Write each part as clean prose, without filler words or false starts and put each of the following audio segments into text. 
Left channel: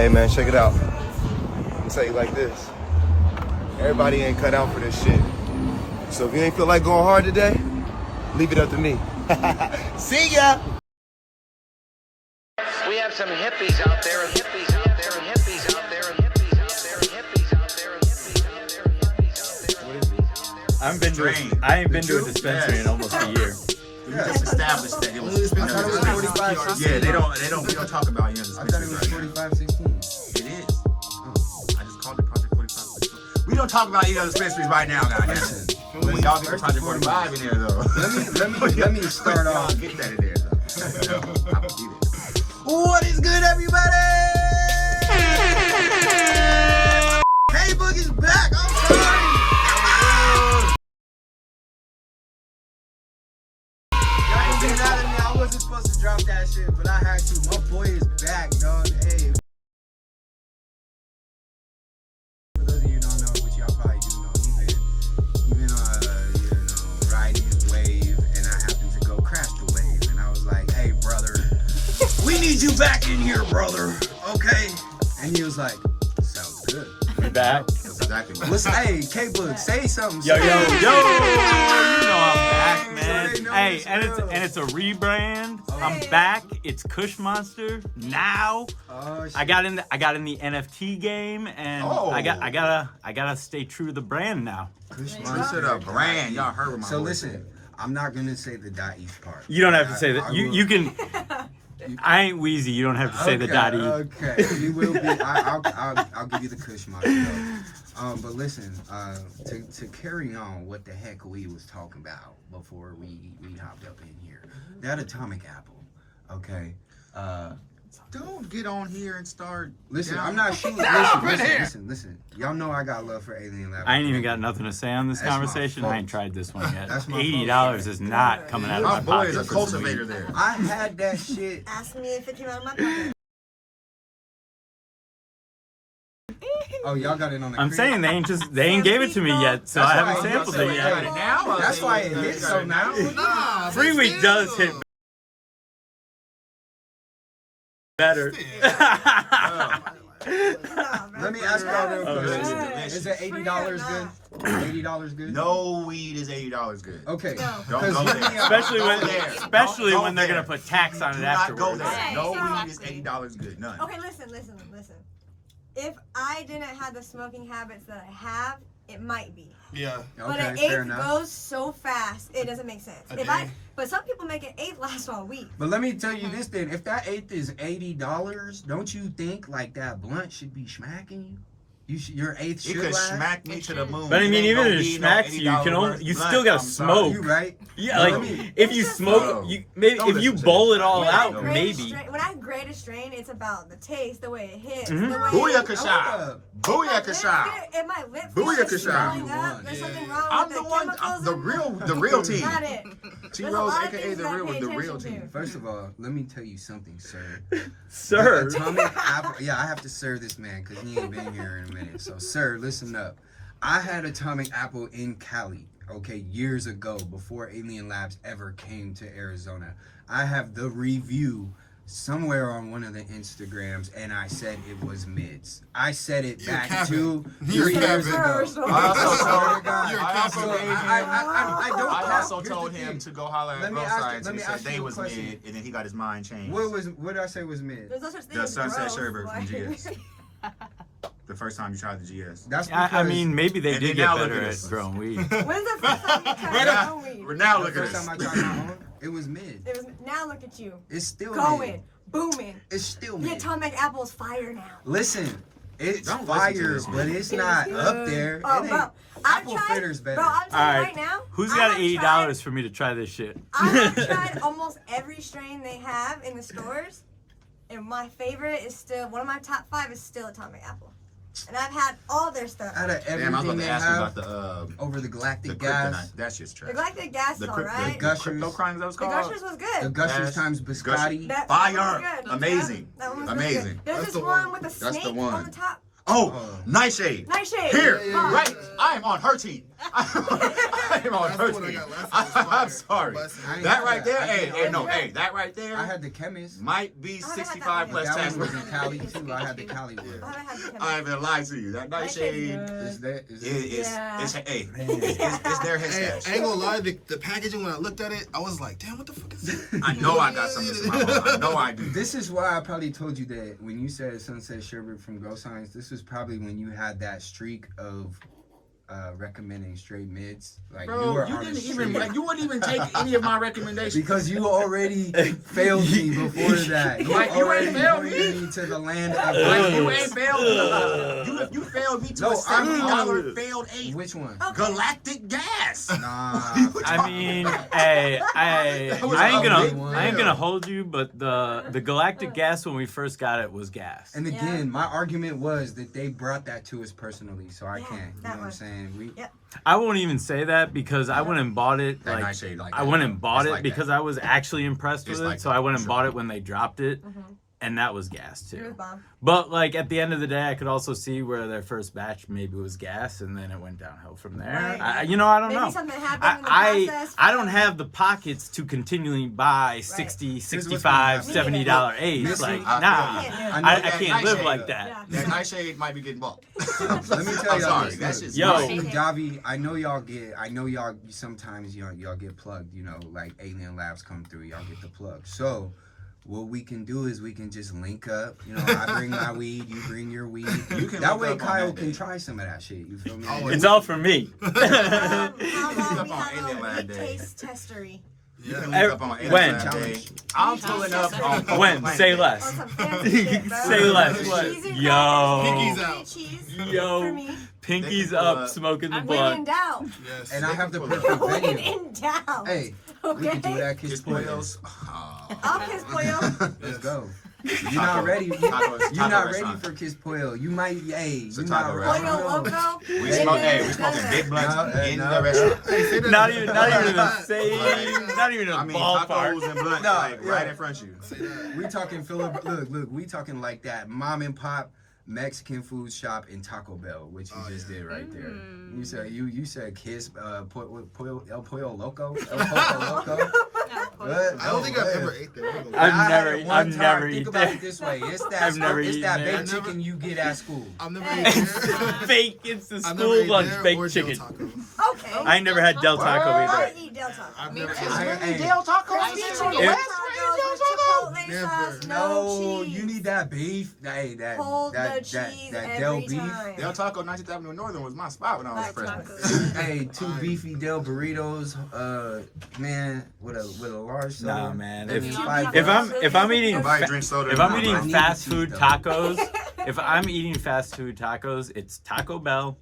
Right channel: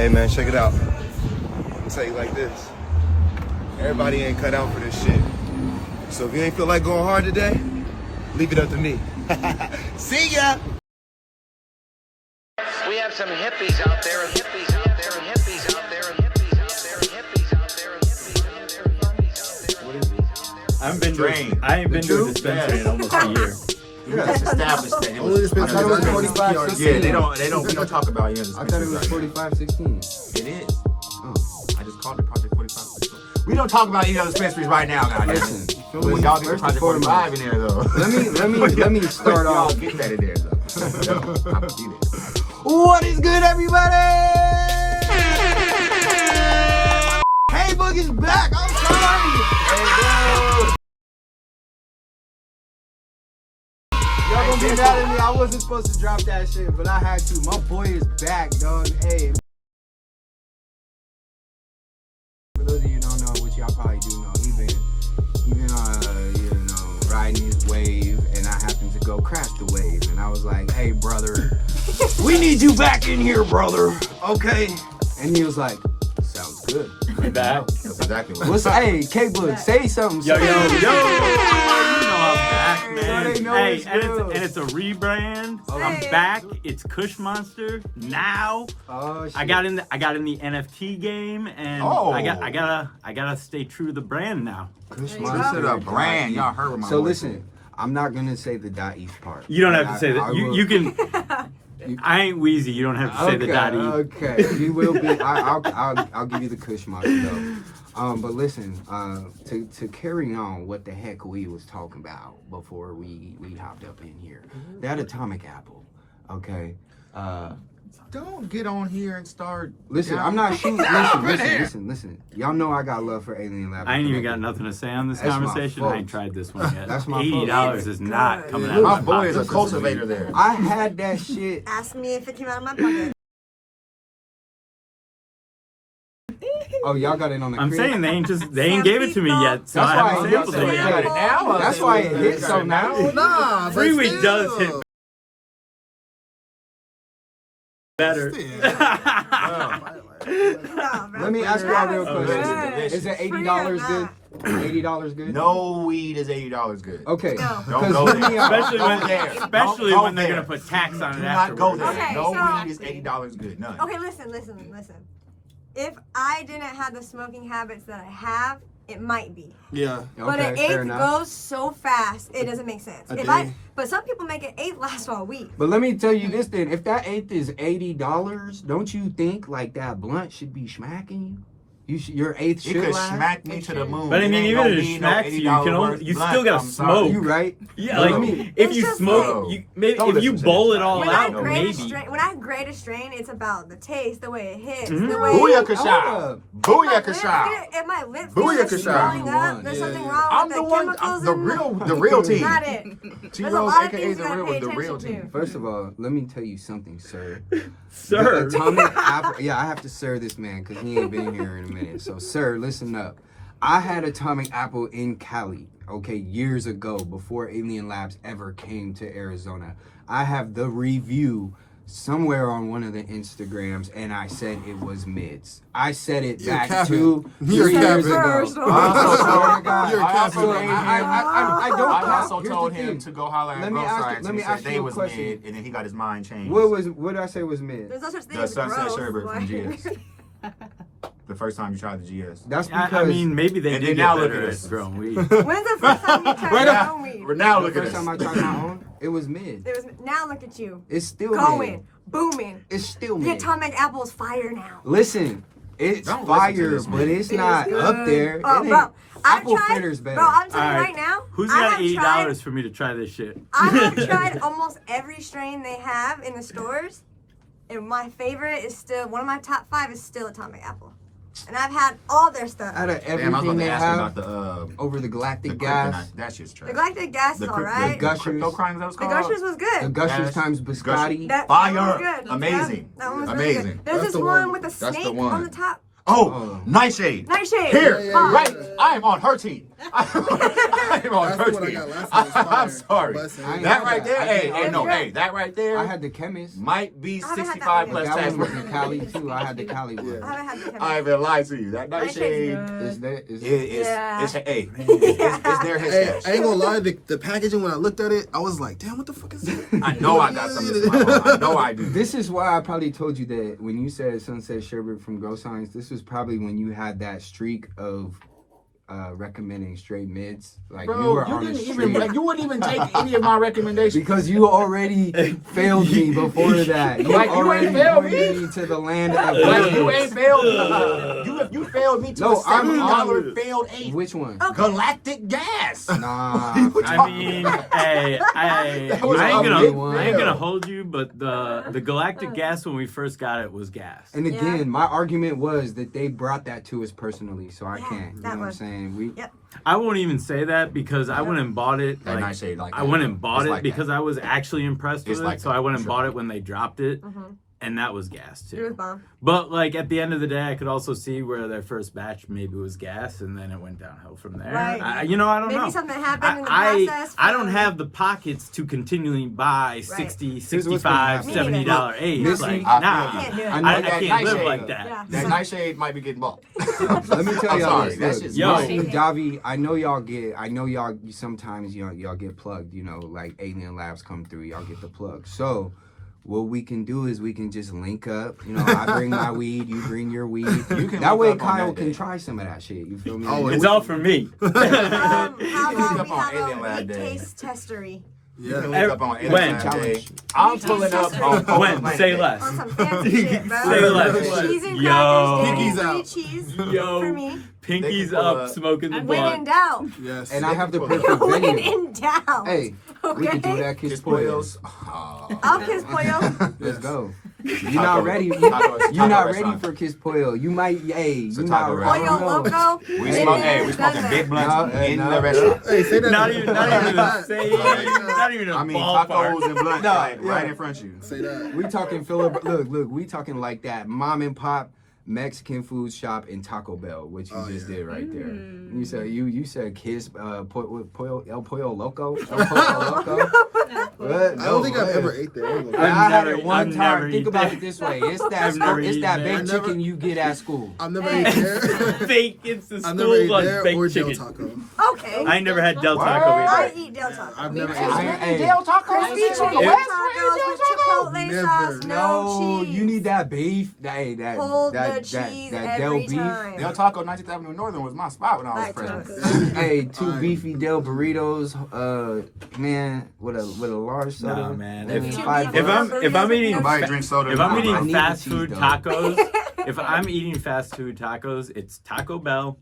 Hey man, check it out. I'm gonna tell you like this. Everybody ain't cut out for this shit. So if you ain't feel like going hard today, leave it up to me. See ya! We have some hippies out there, and hippies out there, and hippies out there, and hippies out there, and hippies out there, and hippies out there, and hippies out there. I ain't been to a dispensary in almost a year. Yeah, it's established. I thought it was 45, 16. Yeah, we don't talk about it. I thought it was 45, 16. It is. Oh. I just called it Project 45. We don't talk about any other dispensaries right now, guys. Listen, Y'all get Project 45 in there, though. let me start off. Get that in there. What is good, everybody? Hey, Boogie's back. I'm sorry. Y'all gonna be mad at me. I wasn't supposed to drop that shit, but I had to. My boy is back, dog. Hey. For those of you who don't know, which y'all probably do know, we've been riding this wave, and I happened to go crash the wave, and I was like, hey, brother, we need you back in here, brother. Okay. And he was like, sounds good. I'm back. That's exactly right. What's hey, K-Boog, say something. Yo, say yo, yo. something. You know I'm back, So man. they know Hey, it's and good. it's a rebrand. I'm back. It's Kush Monster now. Oh, shit. I got in the NFT game, and Oh. I gotta stay true to the brand now. Kush This Monster. is a brand. Y'all heard my So voice. listen, I'm not gonna say the .east part. You don't have to say I that. will- You can. I ain't Wheezy. You don't have to say the daddy. Okay, we will be. I'll give you the Kush Monster though. But listen, to carry on what the heck we was talking about before we hopped up in here. That atomic apple, okay. Don't get on here and start. Listen, Yeah. I'm not shooting. Up in here. Listen. Y'all know I got love for Alien Lab. I ain't even got nothing to say on this That's my conversation. fault. I ain't tried this one yet. That's my $80 is not coming out My of my boy is a pocket. cultivator there. I had that shit. Ask me if it came out of my pocket. Oh, y'all got it on the I'm crib? saying they ain't gave it to me yet, so That's I haven't why- sampled it Hey, yet. That's why it hit so now. Nah, Free week does hit better. Let me ask y'all real quick. Okay. Is it $80 good? $80 good? No weed is $80 good. Okay. Don't Because go for there. me, Especially when, Don't go there. especially Don't when go they're there. gonna put tax on Do it not go afterwards. there. Okay, No so- weed is $80 good. None. Okay, listen. If I didn't have the smoking habits that I have, it might be. Yeah. But Okay, an fair eighth enough. goes so fast, it doesn't make sense. A If day. but some people make an eighth last all week. But let me tell you this then. If that eighth is $80, don't you think like that blunt should be smacking you? Your eighth You should could last? smack me to the moon. But I mean, It ain't even gonna if it be smacks you, you can $80 only, you blunt. still gotta I'm sorry. smoke. You right? Yeah, But like let me- if you It's just smoke, like- you maybe Don't if you listen to bowl this. it all When I out, grade a maybe. strain, when I grade a strain, it's about the taste, the way it hits, Mhm. the way Booyakasha. Booyakasha. If my lips Booyakasha. swelling up, there's Yeah. something wrong I'm with the the one. chemicals I'm the in real team. Got it. There's a T-Rose, lot of aka things the you gotta pay real attention team. to. First of all, let me tell you something, sir. Sir. The atomic apple. Yeah, I have to sir this man because he ain't been here in a minute. So, sir, listen up. I had atomic apple in Cali, okay, years ago before Alien Labs ever came to Arizona. I have the review somewhere on one of the Instagrams, and I said it was mids. I said it You're back capping. 2 You're 3 years capping. ago. First. I swear to God. You're I also capping. So, told him- I don't I cap. also Here's told the him thing. to go holler at Let me both ask- sides. let and me he said ask they you a was question. mid, and then he got his mind changed. What did I say was mid? There's no such thing The as Sunset growth, Sherbet from like- GS. The first time you tried the GS. That's because I mean, maybe they And did then now get look better at at this. throwing weed. When's the first time you tried Right your now, own weed? we're now the look at first this. time I tried my own, it was mid. Now look at you. It's still mid. Going, booming. It's still The mid. atomic apple's fire now. Listen, it's Don't listen to fire, this, but man. it's It not is up good. there. Oh, It bro, ain't. I've Apple tried- Fritter's better. Bro, I'm telling you Alright. right now. Who's I got have $80 for me to try this shit? I have tried almost every strain they have in the stores, and my favorite is still one of my top 5 is still atomic apple, and I've had all their stuff. Out of Damn, I was everything about they to ask you have about the over the galactic gas, kryptonite. That shit's trash. The galactic gas is The alright. Gushers. crypto crime that was The called? Gushers was good. the Gushers Yes. times biscotti. That Fire. one was good. Amazing. That one was Amazing. Really good. There's That's this the one one. with a That's the snake one. on the top. Oh, Nightshade. Nightshade. Here, Oh. right. I am on her team. I am on That's her what I team. got last time. It was fire. I'm sorry. Bussin'. I ain't That had right there, that. hey, that right there I had the chemist. might be I haven't had 65 that But plus that tax. one was in Cali too. I had the Cali one. Yeah. I haven't had the chemist. I haven't lied to you. That Nightshade Is that? Is it's Yeah. hey, it's their head Hey, sketch. I ain't gonna lie, the packaging, when I looked at it, I was like, damn, what the fuck is that? I know I got something to say. I know I do. This is why I probably told you that when you said Sunset Sherbet from Grow Science, this was probably when you had that streak of recommending straight mids. Like you Bro, were you on a didn't streak. even you wouldn't even take any of my recommendations. Because you already failed me before that. You Like, you already ain't failed pointed me to the land of Like you greatness. ain't failed me. You failed me to No, a I'm second. on- I would have failed a Which one? galactic gas. Nah. I mean, hey, That was I a big one. ain't gonna hold you, but the galactic gas when we first got it was gas. And again, my argument was that they brought that to us personally, so I can't. You know that what I'm was- saying? Yep. I won't even say that because I went and bought it. That Like, Nightshade, like I that. went and bought It's it like because that. I was actually impressed It's with like it. So that, I went and sure. bought it when they dropped it, Mhm. and that was gas It was too. bomb. But like at the end of the day, I could also see where their first batch maybe was gas, and then it went downhill from there. Right. I don't Maybe know. something happened in the I process. don't have the pockets to continually buy 60, what's gonna 65, happen. $70 aids. Listen, Like, I nah. feel you. I I, know I that can't live Nightshade, like that. Yeah. That Nightshade might be getting bought. Let me tell I'm y'all sorry. this. That's Look, just Yo. me and Davi, I know y'all sometimes y'all get plugged, like Alien Labs come through, y'all get the plug. So what we can do is we can just link up. I bring my weed, you bring your weed. can That link way up on Kyle that can day. try some of that shit. You feel me? Oh, It's all for me. up on We Alien Lab Day. taste testery. You can Yeah. link up on When? Alien Lab Day. I'm pulling up on When? Say less. On some fancy shit, bro. Say less. Cheese and Yo. crackers, Pinky's sweet out. cheese Yo. for me. Pinky's They can pull up, up. smoking the When blunt. in doubt. Yes. And I have the perfect When venue. in doubt. Hey, we can do it at Kiss Kiss Poyos. Poyos. I'll kiss Pollo. Let's go. You're not ready. Taco You're not ready restaurant. for Kiss Poyo. You might, It's a you're taco not. I Pollo don't know. Loco. We smoking big blunts No, in no. the restaurant. Hey, say that. Not even the same. Not even a I mean, ballpark. tacos and blunts, No, like, yeah. right in front of you. Say that. We talking look, we talking like that mom and pop Mexican food shop in Taco Bell, which you just did right there. You said you said Kiss El Pollo Loco. El Pollo Loco. What? I don't think I've man. ever ate there. I'm gonna Yeah, lie. I had never- it one I've time. never Think eaten about there. it this way: it's that I've never it's eaten that there. baked I never- chicken you get at school. I've never ate there. Fake. It's the I've never school ate lunch there or baked Del chicken. Taco. Okay. I ain't never had Del Taco I either. eat Del Taco. I've never ate Hey, there. Del Taco? Crispy chicken If- tacos with Chipotle Never. sauce, No, cheese. you need that beef. Hey, that Hold the that cheese that Del every beef. time. Del Taco, 19th Avenue Northern was my spot when I was Like freshman. Hey, two beefy Del burritos. Man, with a large soda. Nah, man. And If- then $5. If I'm eating Nobody drinks soda. if I'm I eating need fast the cheese, food though. tacos, if I'm eating fast food tacos, it's Taco Bell,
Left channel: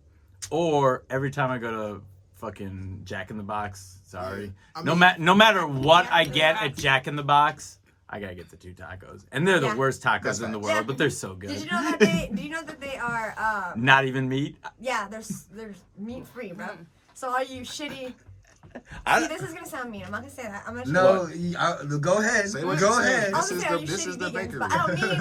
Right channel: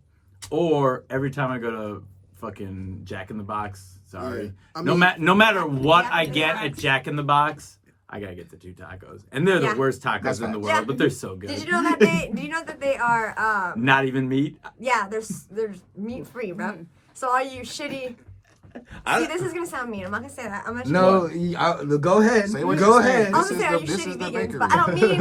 or every time I go to fucking Jack in the Box. Sorry, Yeah. I mean- no matter what Jack I in the get Box. at Jack in the Box, I gotta get the two tacos, and they're Yeah. the worst tacos That's in the fine. world, but they're so Did good. you know that they are Not even meat. yeah, there's meat free, bro. So all you shitty I- See, this is gonna sound mean. I'm not gonna say that. I'm gonna No, go ahead. Say what Go you're saying. ahead. I'm gonna This is say, are the- you this shitty is the vegans? bakery. But I don't mean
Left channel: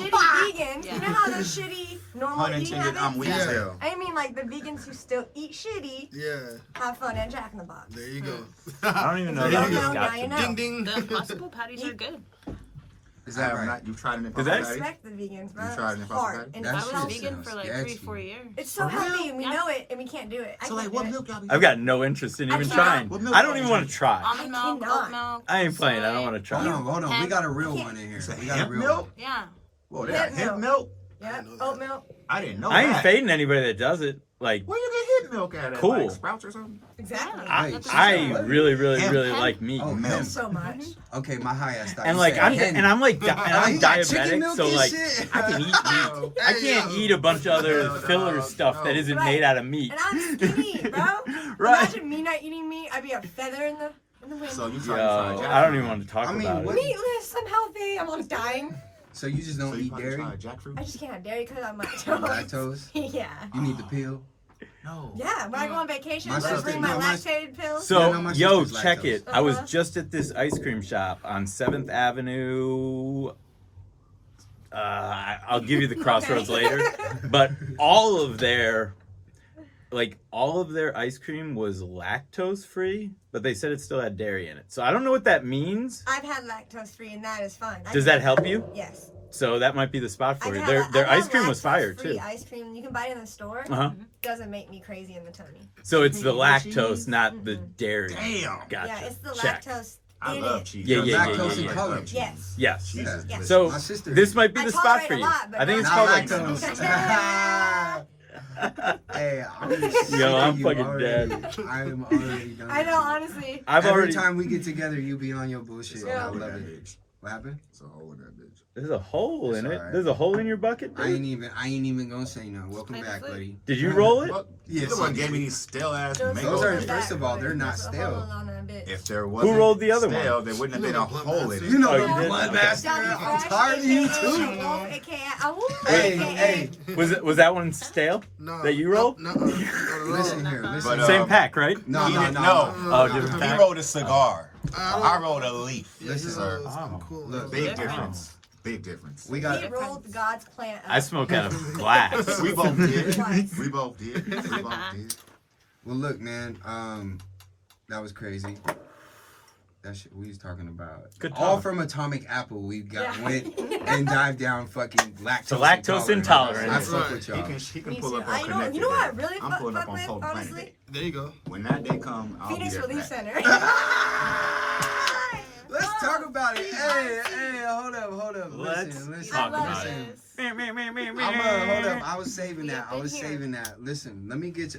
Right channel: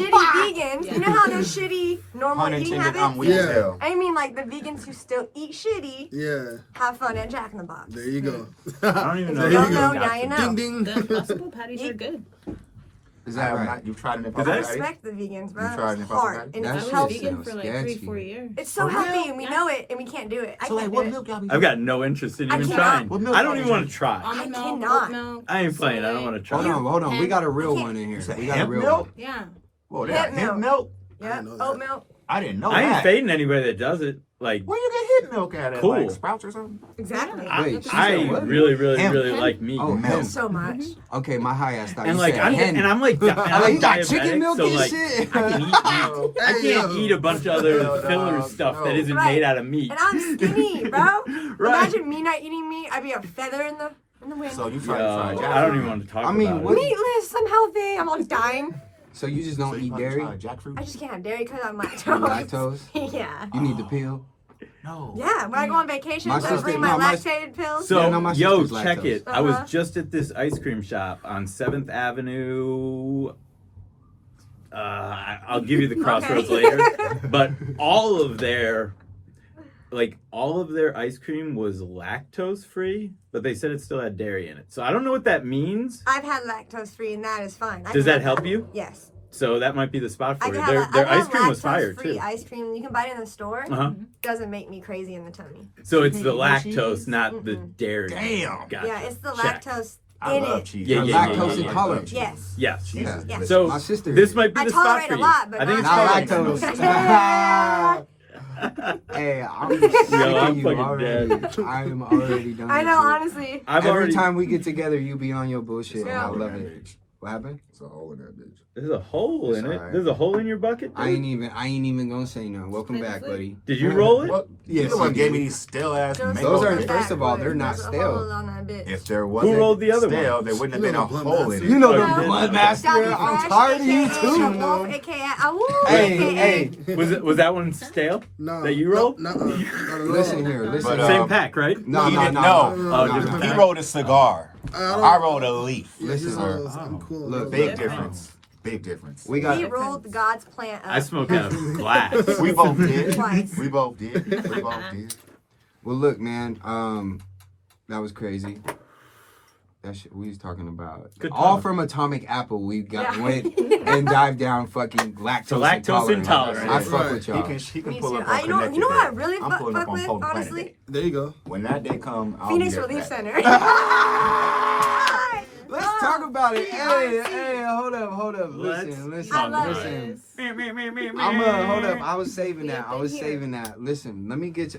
shitty vegans. You know how there's shitty normal Pun eating intended, habits? I'm weak as Yeah. hell. I mean like the vegans who still eat shitty Yeah, have fun at Jack in the Box. there you go. I don't even know. There if you I go. got Now them. you know. Ding ding. The Impossible patties are good. Is I that have right? not- You've tried it in Is I that- Patty? respect the vegans, bro. You tried It's it in hard. Patty? And That it's shit I was sounds vegan for like sketchy. 3-4 years. It's so healthy and we know it and we can't do it. I So like, can't what do it. milk y'all be I've got no interest in I even tried. trying. What milk I don't y'all even want to drink? try. Almond milk, cannot. oat milk. I ain't playing. I don't want to try. Hold on. We got a real one in here. We got a real milk? one. Yeah. Oh, they got Hemp hemp milk. milk? I Yeah, didn't know that. oat milk. I didn't know I ain't that. fading anybody that does it. Like, Where you get hemp milk at? Cool. Like Sprouts or something? Exactly. Wait, she I said what? really, really, Hemp. really like meat. Oh, Milk. So much. Okay, my high ass thought And you like said I'm hen. and I'm like and I'm You got chicken diabetic, milk so and like shit. I can eat meat. I can't eat a bunch of other filler stuff that isn't made out of meat. And I'm skinny, bro. Right. Imagine me not eating meat. I'd be a feather in the wind. So you Yo, tried to I don't even want to talk I mean, about what- it. Meatless. I'm healthy. I'm always dying. So you just don't eat dairy? I just can't have dairy because I'm You lactose. lactose? Yeah. You need the pill? No. Yeah. When I go on vacation, My I sister- bring my no, my- lactated pills. So Yeah, no, my yo, sister's check lactose. it. I was Uh-huh. just at this ice cream shop on 7th Avenue, I'll give you the crossroads later. But all of their ice cream was lactose free, but they said it still had dairy in it. So I don't know what that means. I've had lactose free, and that is fun. Does that help you? Yes. So that might be the spot for I've you. had Their I've ice cream was fire lactose-free too. Ice cream you can buy it in the store. Uh-huh. Doesn't make me crazy in the tummy. So it's the Cheese. lactose, not the dairy. Damn. Gotcha. Yeah, it's the Check. lactose I in love it. cheese. Yeah, yeah, lactose yeah, yeah. intolerant. Yes. Yes. Yeah. Yes. So My sister. this might be I the spot tolerate for a you. lot, but I think it's not called lactose. Hey, I'm I'm fucking already. dead. I'm already done. I know, with it. honestly. Every time we get together, you be on your bullshit, and I love it. What happened? It's a hole in that bitch. There's a hole in It's it. alright. There's a hole in your bucket. I Dude? ain't even gonna say nothing. Welcome back, buddy. Did you roll it? What? Yes, Someone I gave did. me these stale ass Those mango Those are bits. first of all, they're not There's a stale. hole on that bitch. If there wasn't rolled the other one? stale, there wouldn't have been a Blunt hole in Master. it. You know Oh, the you did? blood master. I'm Fresh, tired of you aka too. Wolf, aka Hey, hey. Was that one stale? No. That you rolled? No, not at all. Listen here, listen. But, Same pack, right? No, He no, didn't no, know. no. Oh, no, different no. He rolled a cigar. I rolled a leaf. Yeah, Listen, he's sir. I'm cool. Look, Big difference. Big difference. We got. He rolled God's plant up. I smoke out of glass. We both did. Twice. We both did. We both did. Well, look, man. That was crazy. That shit we was talking about. Good All talk. from Atomic Apple, we got Yeah. went and dived down fucking lactose, So lactose intolerant. I intolerant. fuck Right. with He y'all. can Me pull too. up on You know Connected what I Day. really I'm pulling fuck up on with, Planet honestly? Day. There you go. When that day come, I'll Phoenix be at Relief that. Center. Let's talk about it. Hey, hold up. Let's Listen, talk about listen. it. Hold up. I was saving that. Listen, let me give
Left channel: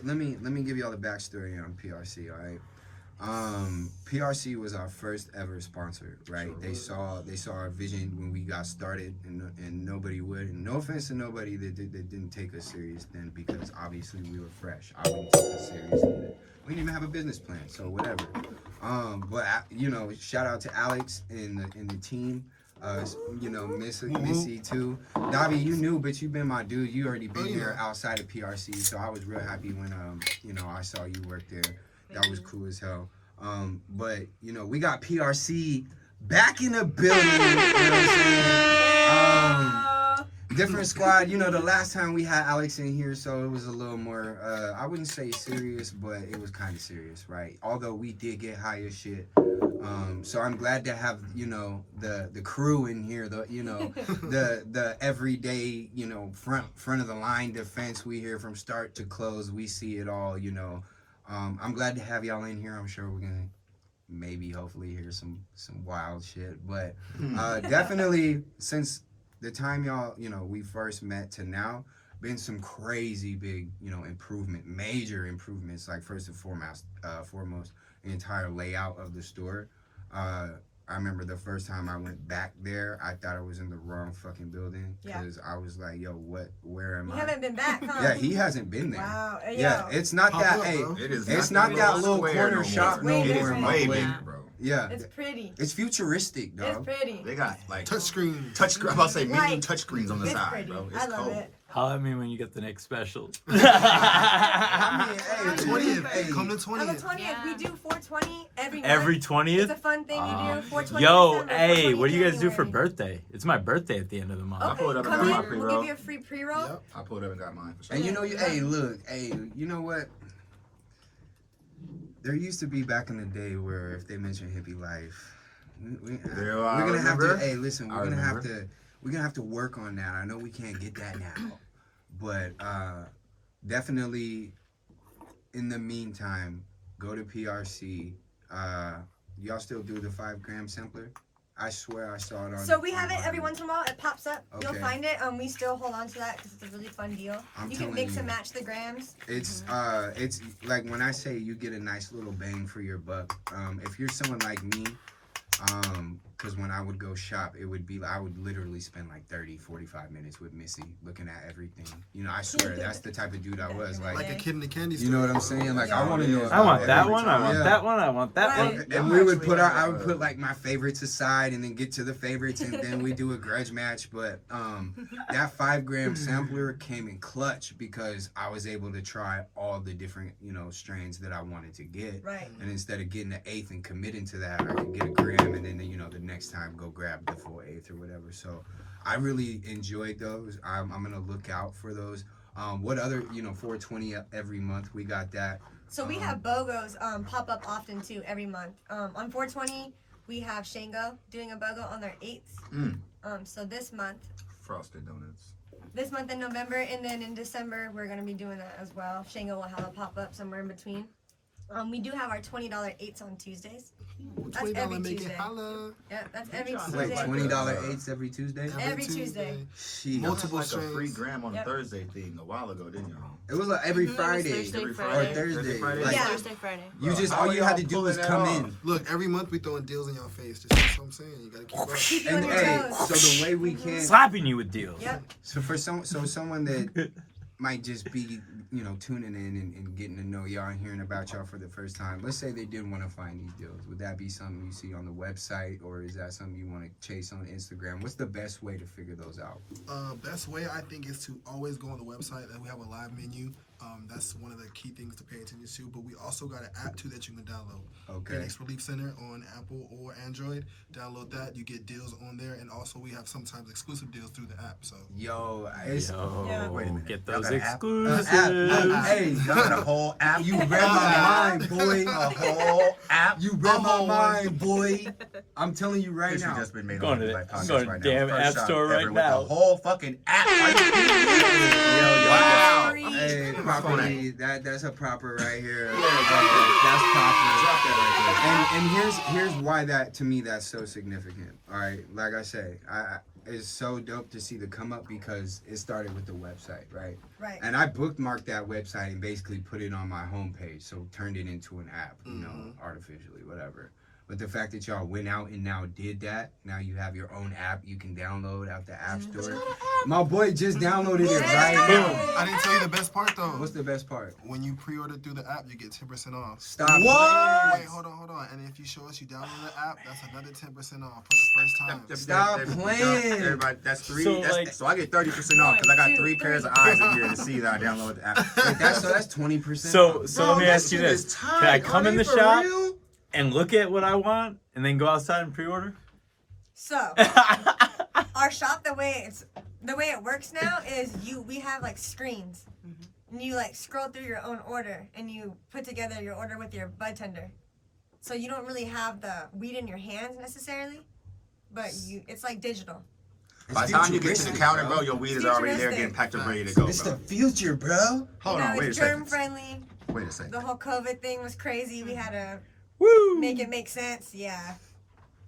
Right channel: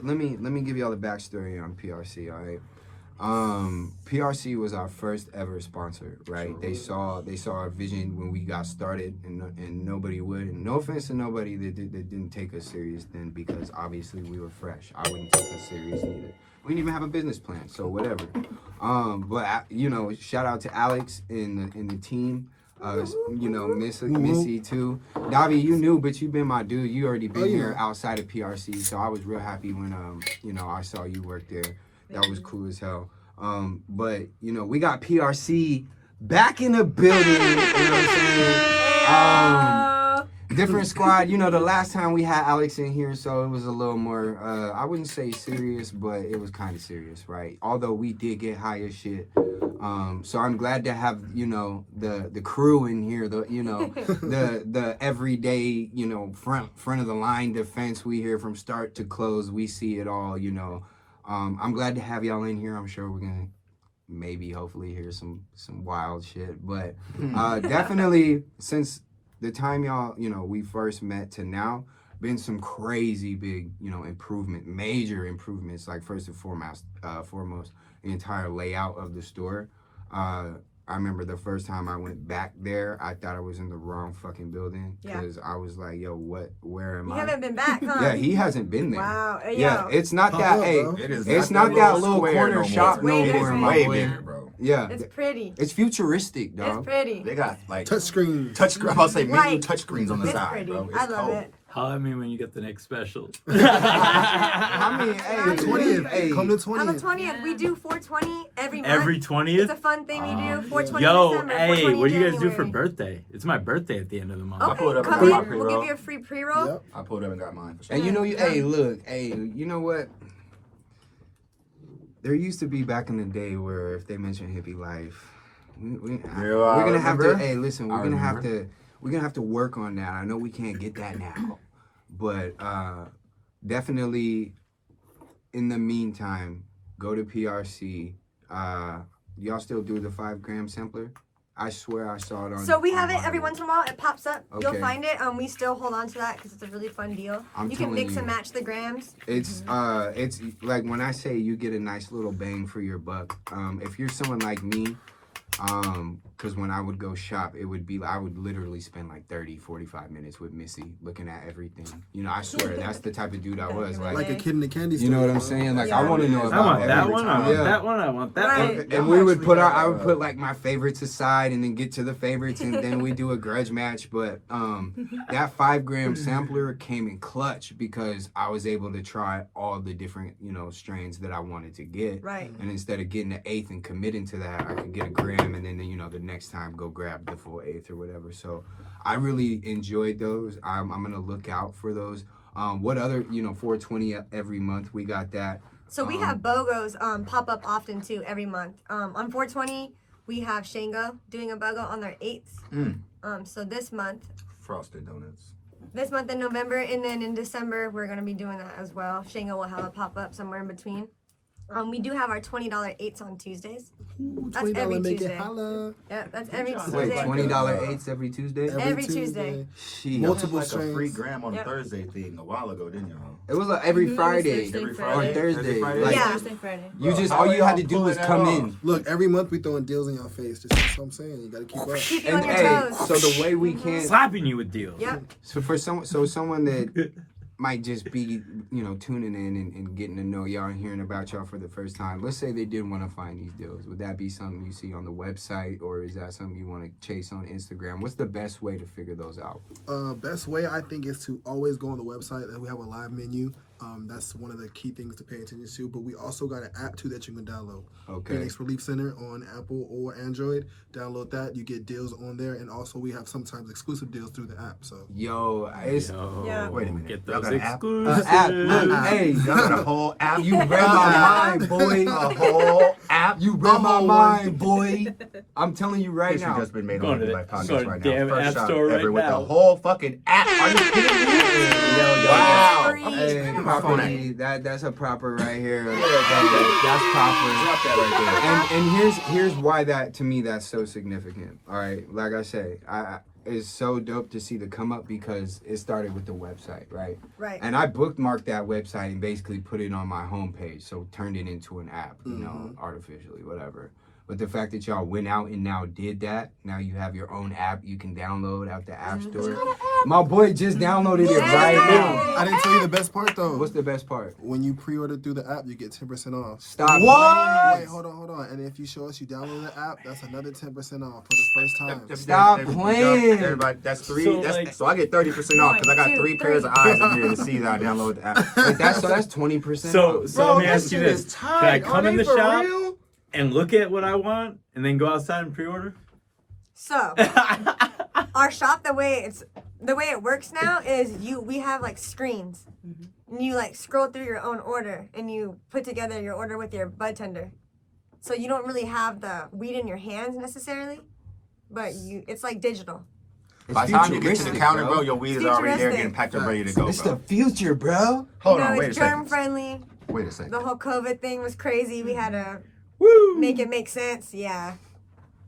y'all the backstory on PRC. All right. PRC was our first ever sponsor, right? They saw our vision when we got started, and nobody would. And no offense to nobody that didn't take us serious then, because obviously we were fresh. I wouldn't take us serious either. We didn't even have a business plan, so whatever. But shout out to Alex and the team. Missy too. Davi, you knew, but you've been my dude. You already been here outside of PRC, so I was real happy when I saw you work there. That was cool as hell. But we got PRC back in the building. You know what I'm saying? Different squad. The last time we had Alex in here, so it was a little more, I wouldn't say serious, but it was kind of serious, right? Although we did get high as shit. So I'm glad to have, the crew in here, the everyday, front of the line defense. We hear from start to close. We see it all, I'm glad to have y'all in here. I'm sure we're gonna maybe hopefully hear some wild shit. But definitely since the time y'all, we first met to now, been some crazy big, major improvements. Like first and foremost, the entire layout of the store. I remember the first time I went back there, I thought I was in the wrong fucking building because I was like, yo, where am You I? haven't been back, huh? Yeah, he hasn't been there. Wow. Yeah, Yo. it's not Pop that. up, Hey, bro. it's not that little square corner no shop more. no It's more, way my way boy. bigger, bro. Yeah, It's pretty. it's futuristic, It's dog. pretty. They got like Touchscreen. touch screen. I'm about to say menu Right. touch screens on the It's side, pretty. bro. I It's love cold. it. Holler at me when you get the next special. I mean, hey, The 20th. Hey, Come the On the 20th. 20th, we do 420 every month. Every It's 20th? a fun thing we do. 420 Yo, December, hey, 420 what do you guys do for January. birthday? It's my birthday at the end of the month. I pulled Okay, up come and in. got my We'll pre-roll. give you a free pre-roll. Yep. I pulled up and got mine for sure. And you know what? There used to be back in the day where if they mention hippie life, we're gonna have to. Hey, listen, we're gonna have to work on that. I know we can't get that now, but definitely in the meantime, go to PRC. Y'all still do the 5-gram sampler? I swear I saw it on. So we have it online. every once in a while. It pops up. Okay. You'll find it. We still hold on to that because it's a really fun deal. I'm You can telling mix you. and match the grams. It's like when I say you get a nice little bang for your buck. If you're someone like me, because when I would go shop, I would literally spend like 30-45 minutes with Missy looking at everything. I swear that's the type of dude I was. Like a kid in the candy store. You know what I'm saying? Like I want to know about I want that every one. I time. want Yeah. that one. I want that one. Right. And I would put like my favorites aside and then get to the favorites and then we do a grudge match. But that 5-gram sampler came in clutch because I was able to try all the different, strains that I wanted to get. Right. And instead of getting the 8th and committing to that, I could get a gram and then, the next time go grab the full eighth or whatever. So I really enjoyed those. I'm gonna look out for those. What other 420 every month we got that. So we have BOGOs pop up often too every month. On 420 we have Shango doing a BOGO on their 8th. So this month Frosted donuts. in November, and then in December we're gonna be doing that as well. Shango will have a pop up somewhere in between. We do have our $20 8s on Tuesdays. Ooh, That's every $20 make it Tuesday. holla. Yeah, that's every Tuesday. Wait, $20 eighths every Tuesday? Every Tuesday. Shit. Multiple Like a free strains. gram on Yep. Thursday thing a while ago, didn't y'all? It was like every Friday Thursday, or Friday. Thursday. Friday. Like, Yeah. Thursday, Friday. you just all you had to do was come in. Look, every month we throwing deals in your face. Just that's what I'm saying. You gotta keep up. Keep you And on your hey, toes. so the way we can Slapping you with deals. Yep. so for someone that might just be, tuning in and getting to know y'all and hearing about y'all for the first time. Let's say they did want to find these deals. Would that be something you see on the website, or is that something you want to chase on Instagram? What's the best way to figure those out? Best way I think is to always go on the website and we have a live menu. That's one of the key things to pay attention to. But we also got an app too that you can download. Okay. Phoenix Relief Center on Apple or Android. Download that. You get deals on there, and also we have sometimes exclusive deals through the app. So Yo, it's Yeah. Wait a minute. Get Y'all those got an app? exclusives. hey, Y'all got a whole app. you read my mind, boy. A whole app. You read my mind, boy. I'm telling you right History now. just been made Going on to the the- podcast going to right damn now. First app shop store right ever with now. the whole fucking app. Are you kidding me? Wow. Free. Hey, property. That's a proper right here. That's proper. And here's why that to me that's so significant. All right, like I say, it's so dope to see the come up because it started with the website, right? Right. And I bookmarked that website and basically put it on my homepage, so turned it into an app, artificially, whatever. But the fact that y'all went out and now did that, now you have your own app you can download out the app store. My boy just downloaded it right now. I didn't tell you the best part though. What's the best part? When you pre-order through the app, you get 10% off. Stop. Wait, hold on. And if you show us you download the app, that's another 10% off for the first time. Stop playing. Everybody, that's three. So, that's, like- so I get 30% off because I got 3 pairs of eyes in here to see that I download the app. Wait, that's 20%. So let me ask you shit this: is Can I tight. come Are in they the for shop real? and look at what I want, and then go outside and pre-order? So our shop, the way it works now is we have like screens. And you like scroll through your own order and you put together your order with your bud tender. So you don't really have the weed in your hands necessarily, but it's like digital. By the time you get to the futuristic, counter, bro. bro, your weed is already there Futuristic. getting packed up ready to go, It's the bro. future, bro. Hold You on, know, wait a it's germ second. friendly. Wait a second. The whole COVID thing was crazy. We had to Woo! make it make sense. Yeah.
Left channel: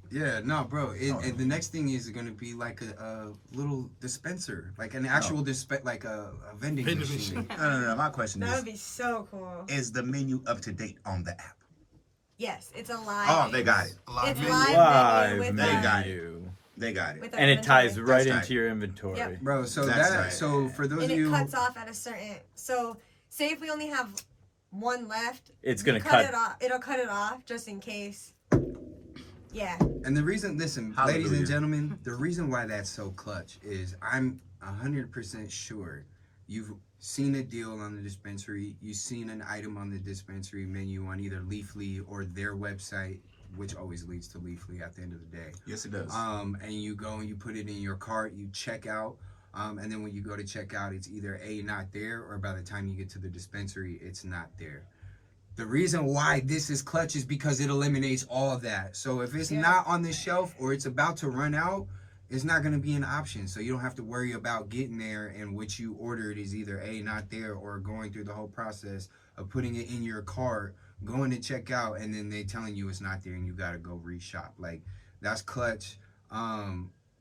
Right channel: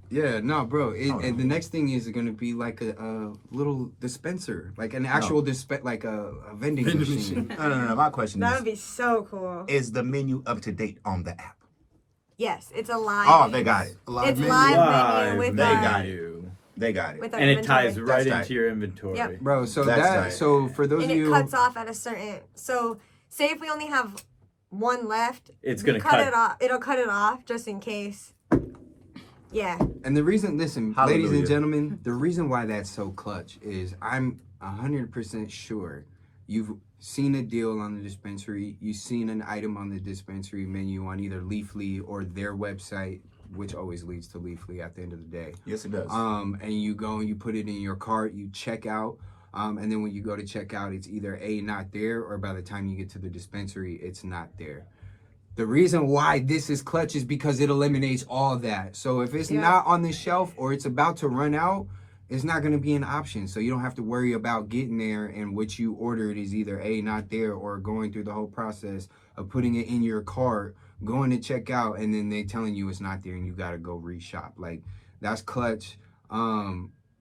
Yeah, no, bro. And the next thing is gonna be like a little dispenser, like an actual like a vending machine. No. My question That would be so cool. is the menu up to date on the app? Yes, it's a live. Oh, they got it. A live It's menu. live Live menu with They our, got menu. They got it. with our And it inventory. ties right That's into your inventory. Yep. Bro, so That's right. for those And of it you, cuts off at a certain. So say if we only have one left, It's we gonna cut. it off. It'll cut it off just in case. Yeah. and the reason, listen, Hallelujah. ladies and gentlemen, the reason why that's so clutch is I'm 100% sure you've seen a deal on the dispensary, you've seen an item on the dispensary menu on either Leafly or their website, which always leads to Leafly at the end of the day. Yes, it does. And you go and you put it in your cart, you check out, and then when you go to check out, it's either not there, or by the time you get to the dispensary, it's not there. The reason why this is clutch is because it eliminates all that. So if it's not on the shelf or it's about to run out, it's not going to be an option. So you don't have to worry about getting there and what you ordered is either not there, or going through the whole process of putting it in your cart, going to check out, and then they telling you it's not there and you got to go reshop. Like, that's clutch.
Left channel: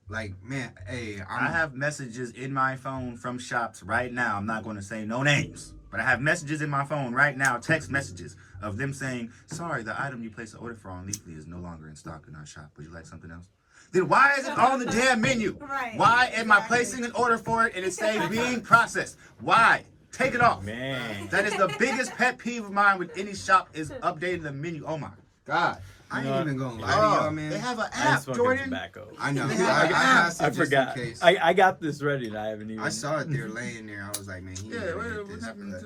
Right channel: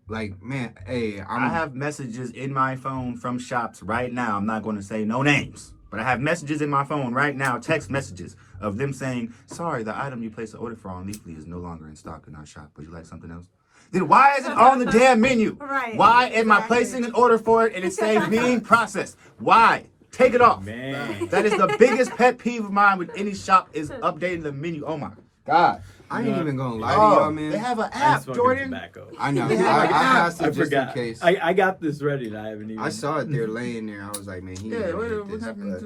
Like, man, hey, I have messages in my phone from shops right now. I'm not going to say no names, but I have messages in my phone right now, text messages of them saying, sorry, the item you placed the order for on Leafly is no longer in stock in our shop. Would you like something else? Then why is it on the damn menu? Right. Why am I placing an order for it and it's saying being processed? Why? Take it off. Man. That is the biggest pet peeve of mine with any shop is updating the menu. Oh my God. I ain't even going to lie to Oh, y'all, man. they have an I'm app, smoking Jordan. tobacco. I know. I passed it I just forgot. in case. I got this ready and I haven't even. I saw it there laying there. I was like, man, he ain't gonna get this.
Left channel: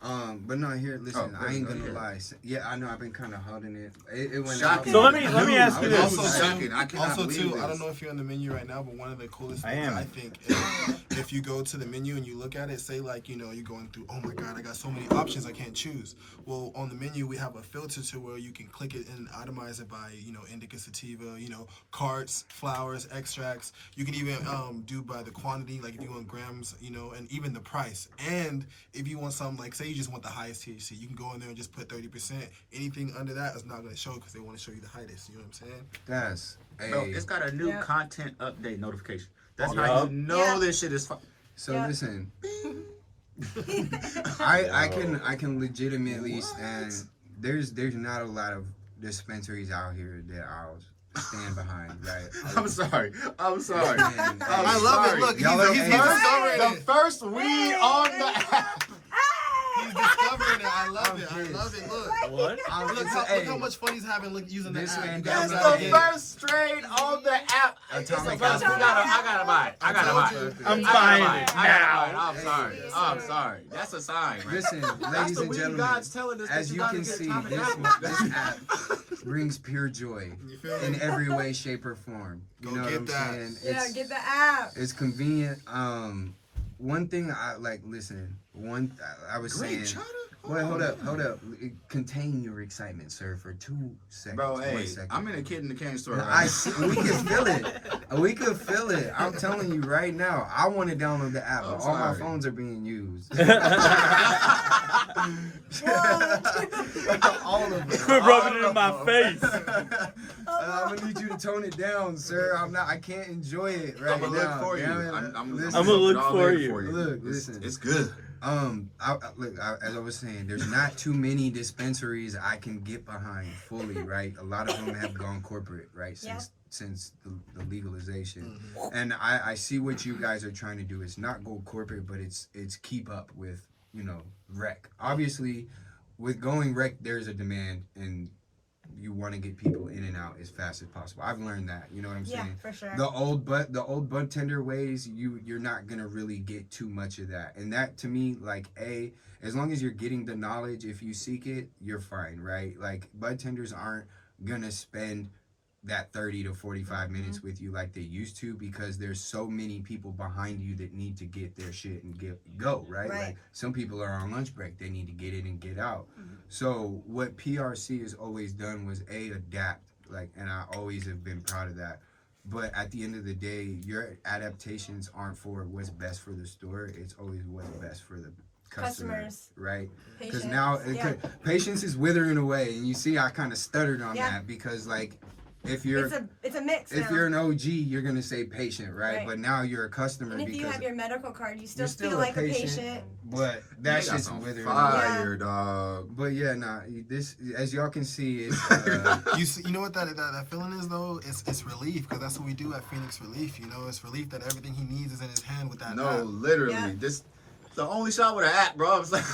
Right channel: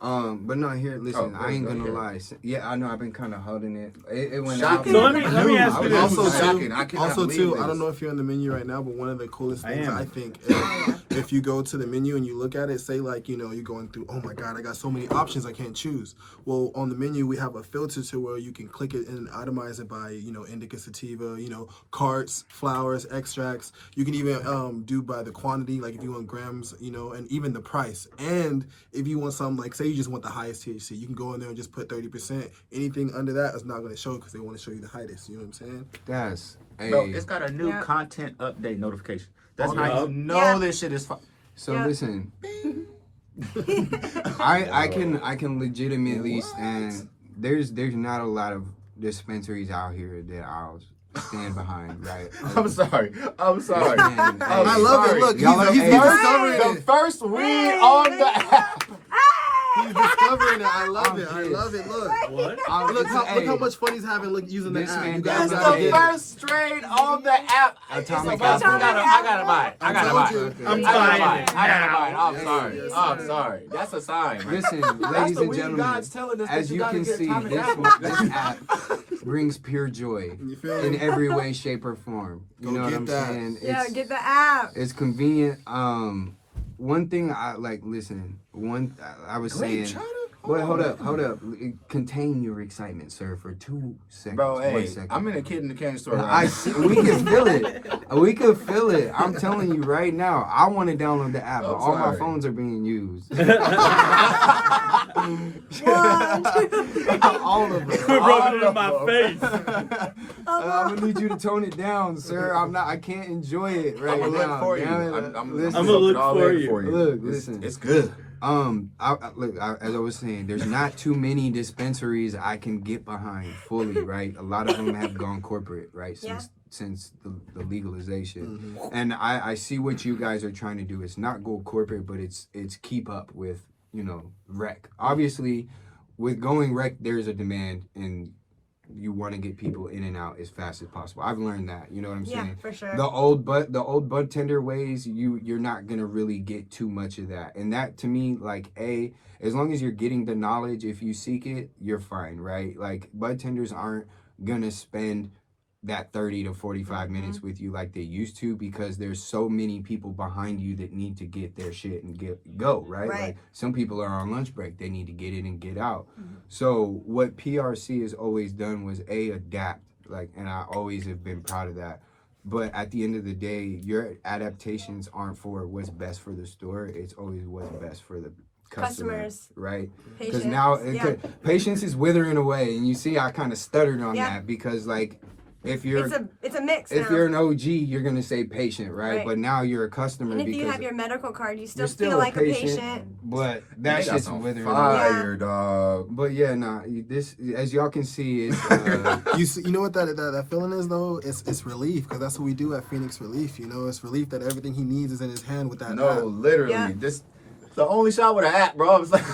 But no, here, listen, Oh, I ain't go gonna ahead. lie. Yeah, I know I've been kind of holding it. It went Shocking. out. So let me ask you this. Also, Shocking. too, I cannot also believe too, this. I don't know if you're on the menu right now, but one of the coolest I things am. I think is if you go to the menu and you look at it, say like, you know, you're going through, oh my God, I got so many options I can't choose. Well, on the menu, we have a filter to where you can click it and itemize it by, you know, indica sativa, you know, carts, flowers, extracts. You can even do by the quantity, like if you want grams, you know, and even the price. And if you want something like, say you just want the highest THC, you can go in there and just put 30%. Anything under that is not going to show because they want to show you the highest. You know what I'm saying? That's Bro, hey. it's got a new Yeah. content update notification. That's Okay. how you know Yeah. this shit is fun. So Yeah. listen, I can legitimately stand. There's not a lot of dispensaries out here that I'll stand behind, right? I'm sorry. I'm sorry. Man, I love it. Look, Y'all he's hey, discovering The it. first weed on the app. He's discovering it. I love it. I love it. Look. What? Look how much fun he's having using the This app. man You does guys That's not gotta the get it. first strain on the app. Atomic I Apple. gotta buy it. I gotta buy told it. you. I'm I gotta buying buy it it. I gotta buy it. now. I'm sorry. Yes, I'm sir. sorry. That's a sign. Man. Listen, That's ladies the and weed gentlemen, God's telling us that as you gotta can get see, Atomic this Apple. this app brings pure joy You feel in me? every way, shape, or form. You Go know what get I'm that. saying? Yeah, get the app. It's convenient. One thing I like. Listen, I was saying. Wait, hold up. Contain your excitement, sir, for 2 seconds. Bro, 1 hey, second. I'm in a kid in the candy store I right see, we can feel it. We can feel it. I'm telling you right now. I want to download the app, but all my sorry. phones are being used. One, all of them. Quit rubbing it in my face. I'm gonna need you to tone it down, sir. I can't enjoy it right I'm gonna now. look for you. Damn it. I'm Listen, gonna look all for in you. Look, It's- listen. It's good. As I was saying, there's not too many dispensaries I can get behind fully, right? A lot of them have gone corporate, right? Since the legalization, and I see what you guys are trying to do. It's not go corporate, but it's keep up with, you know, rec. Obviously, with going rec, there's a demand, and you want to get people in and out as fast as possible. I've learned that. You know what I'm yeah, saying? for sure. The old bud tender ways, you're not gonna really get too much of that. And that to me, like, as long as you're getting the knowledge, if you seek it, you're fine, right? Like, bud tenders aren't gonna spend that 30 to 45 minutes with you like they used to, because there's so many people behind you that need to get their shit and go, right? Right. Like, some people are on lunch break, they need to get in and get out. So what PRC has always done was adapt, like, and I always have been proud of that. But at the end of the day, your adaptations aren't for what's best for the store. It's always what's best for the customer, Customers. right? Because Patience. now Yeah. patience is withering away, and you see I kind of stuttered on Yeah. that because, like, if you're It's a mix. if now. you're an OG, you're gonna say patient, right? Right. But now you're a customer And if you because have your medical card, you still you're still feel like a patient. but that They got shit's some withering. fire, dog. But yeah, this, as y'all can see, it's You know what that feeling is though? It's relief, because that's what we do at Phoenix Relief. You know, it's relief that everything he needs is in his hand with that No, app. literally. Yeah. This the only shop with an app, bro. I was like,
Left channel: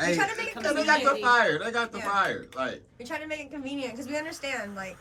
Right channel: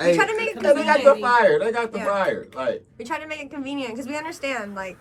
We try to make it they got the convenient. fire. They got the Yeah. fire. Like, We try to make it convenient because we understand, like,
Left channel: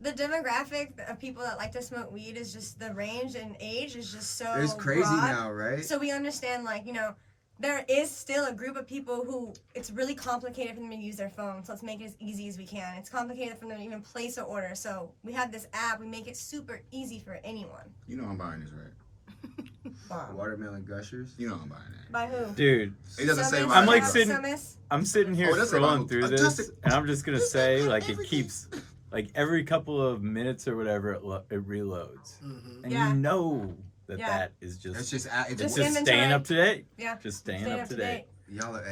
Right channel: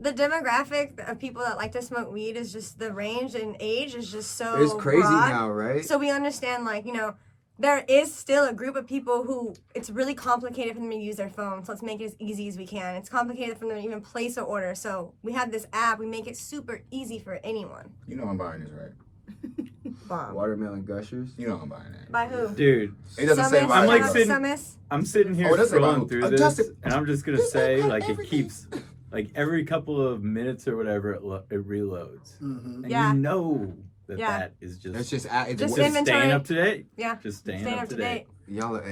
the demographic of people that like to smoke weed is just, the range and age is just so it's crazy broad. now, right? So we understand, like, you know, there is still a group of people who it's really complicated for them to use their phone. So let's make it as easy as we can. It's complicated for them to even place an order. So we have this app. We make it super easy for anyone. you know I'm buying this, right? Bomb. Watermelon gushers. You know I'm buying that. By who? Dude, It doesn't say Summis? by I'm like who. sitting- Summis? I'm sitting here Oh, that's about scrolling who? through Adjust this, it. and I'm just gonna This say, ain't like, it everything. keeps, like, every couple of minutes or whatever, it reloads, Mm-hmm. and Yeah. you know that Yeah. that is just That's just it's Just just inventory. staying up to date. Yeah. Just staying Staying up to date. y'all are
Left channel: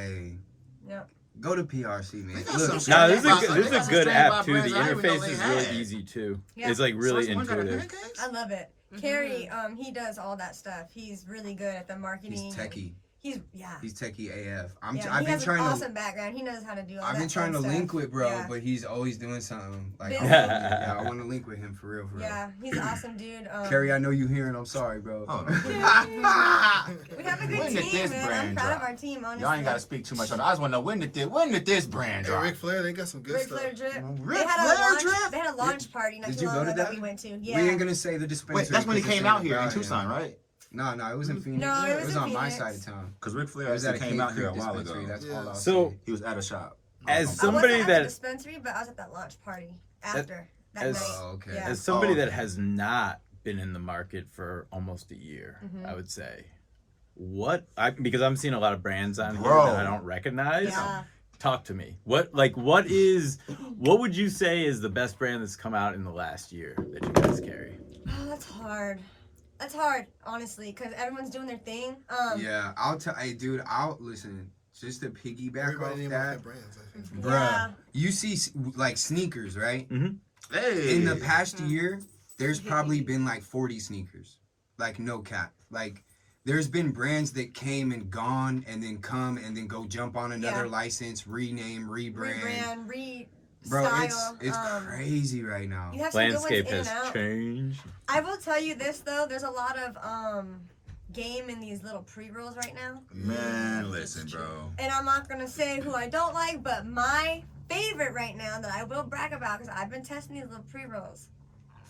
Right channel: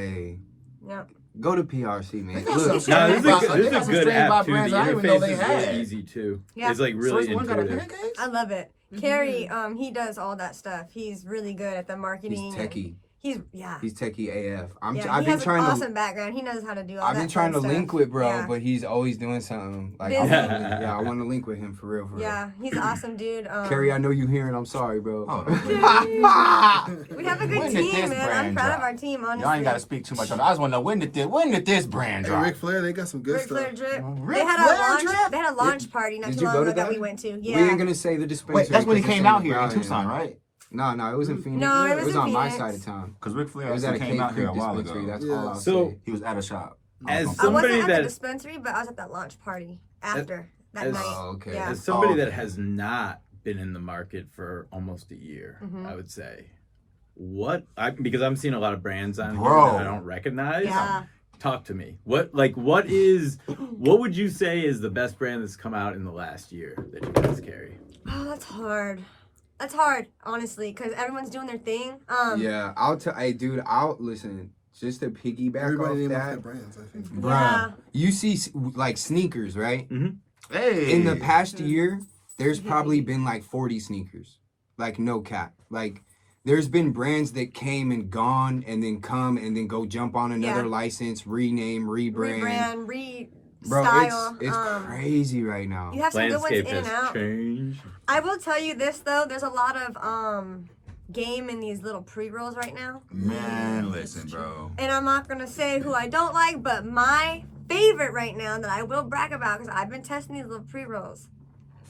Yeah. go to PRC, man. They got Look, some No, They this is got a some- good, they got some good strain app by too. The brands I didn't even know interface they is had. really easy too. Yeah. It's like really So it's one got a intuitive. pancakes? I love it. Carrie, he does all that stuff. He's really good at the marketing. he's techie. He's Techie AF. Yeah, I've he been has trying an to. awesome background. He knows how to do all I've that been trying to kind of link stuff. with bro, Yeah. but he's always doing something. Like, Busy. I want to link with him for real. Yeah, he's awesome, dude. Carrie, I know you hearing. I'm sorry, bro. Oh, we have a good When did team, this man. I'm brand proud drop? of our team, honestly. Y'all ain't got to speak too much on it. I just want to know when did this brand Hey, drop? Ric Flair, they got some good Ric stuff. Flair drip. Ric They had Flair a launch. drip? They had a launch party not Did too you long go ago to that that? we went to. We Yeah. ain't gonna say the dispensary. Wait, that's when he 'cause it's came in out here in Broward. Tucson, right? No, it was in Phoenix. No, it it was was in on my Phoenix. side of town. Because Ric Flair It was at a actually Cave came out here a Creek while dispensary. ago. That's Yeah. all I'll So- say. He was at a shop. As I somebody wasn't at that the dispensary, but I was at that launch party after that as- night. Oh, okay. Yeah. as somebody Oh. that has not been in the market for almost a year, Mhm. I would say, because I'm seeing a lot of brands on here Bro. that I don't recognize. Yeah. Talk to me. What would you say is the best brand that's come out in the last year that you guys carry? Oh, that's hard. That's hard, honestly, because everyone's doing their thing. Yeah, I'll listen. Just to piggyback Everybody off name off that, their brands, I think. bruh. Yeah. You see, like sneakers, right? Hey. In the past year, there's probably been like 40 sneakers. Like no cap. Like there's been brands that came and gone and then come and then go jump on another Yeah. license, rename, rebrand. Rebrand, Bro, style. it's crazy right now. You have some Landscape good ones has in and out. changed. I will tell you this though, there's a lot of game in these little pre-rolls right now. Man, listen, bro. And I'm not gonna say who I don't like, but my favorite right now that I will brag about because I've been testing these little pre-rolls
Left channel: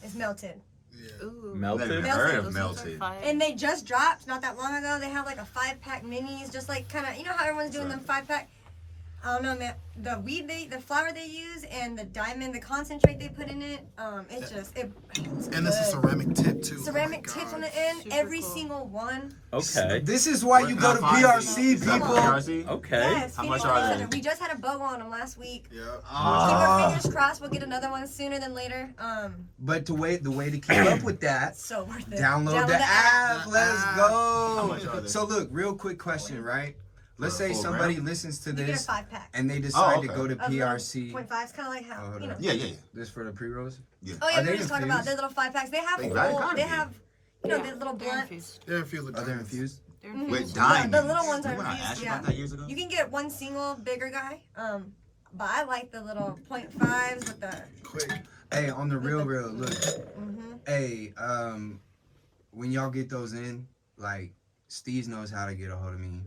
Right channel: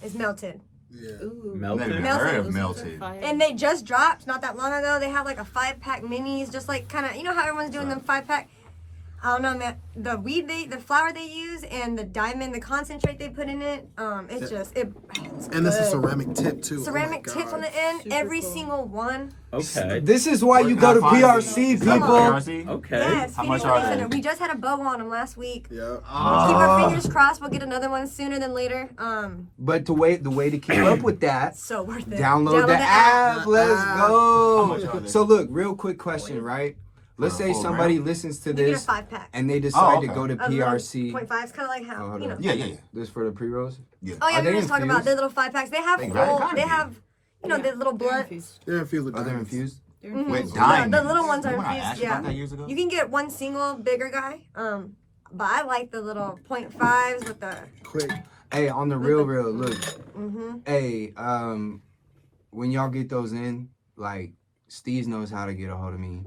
is Melted. Yeah. Melted. Never heard of Melted. And they just dropped not that long ago. They have like a 5-pack minis, just like kind of, you know how everyone's doing them 5-pack. I don't know, man. The flour they use, and the diamond, the concentrate they put in it. It's just it's And it's a good. ceramic tip too. ceramic oh my tips on God. the end. Super Every cool. single one. Okay. This is why you go to PRC, Is that people. PRC? Okay. Yes, How we much just are had they? a- We just had a bow on them last week. Yeah. Keep Ah. our fingers crossed. We'll get another one sooner than later. But the way to keep up with that, So worth it. download the app. Let's How go. much are they? So look, real quick question, right? Let's say Oh, somebody right. listens to You get a this 5-pack. and they decide okay. to go to PRC. 0.5 is kind of like how Oh, hold you know. on. Yeah. This for the pre-rolls? Yeah. Oh yeah, Are we they were just talking about infused? their little 5-packs. They have They full. gotta They be. have, you know, the little blunt. Yeah, it feels like Are they diamonds. infused? Mhm. With The diamonds. little ones are Remember I infused. asked you Yeah. about that years ago? You can get one single bigger guy. But I like the little 0.5s with the. Quick. Hey, on the real, look. Mhm. Hey, when y'all get those in, like, Steve knows how to get a hold of me.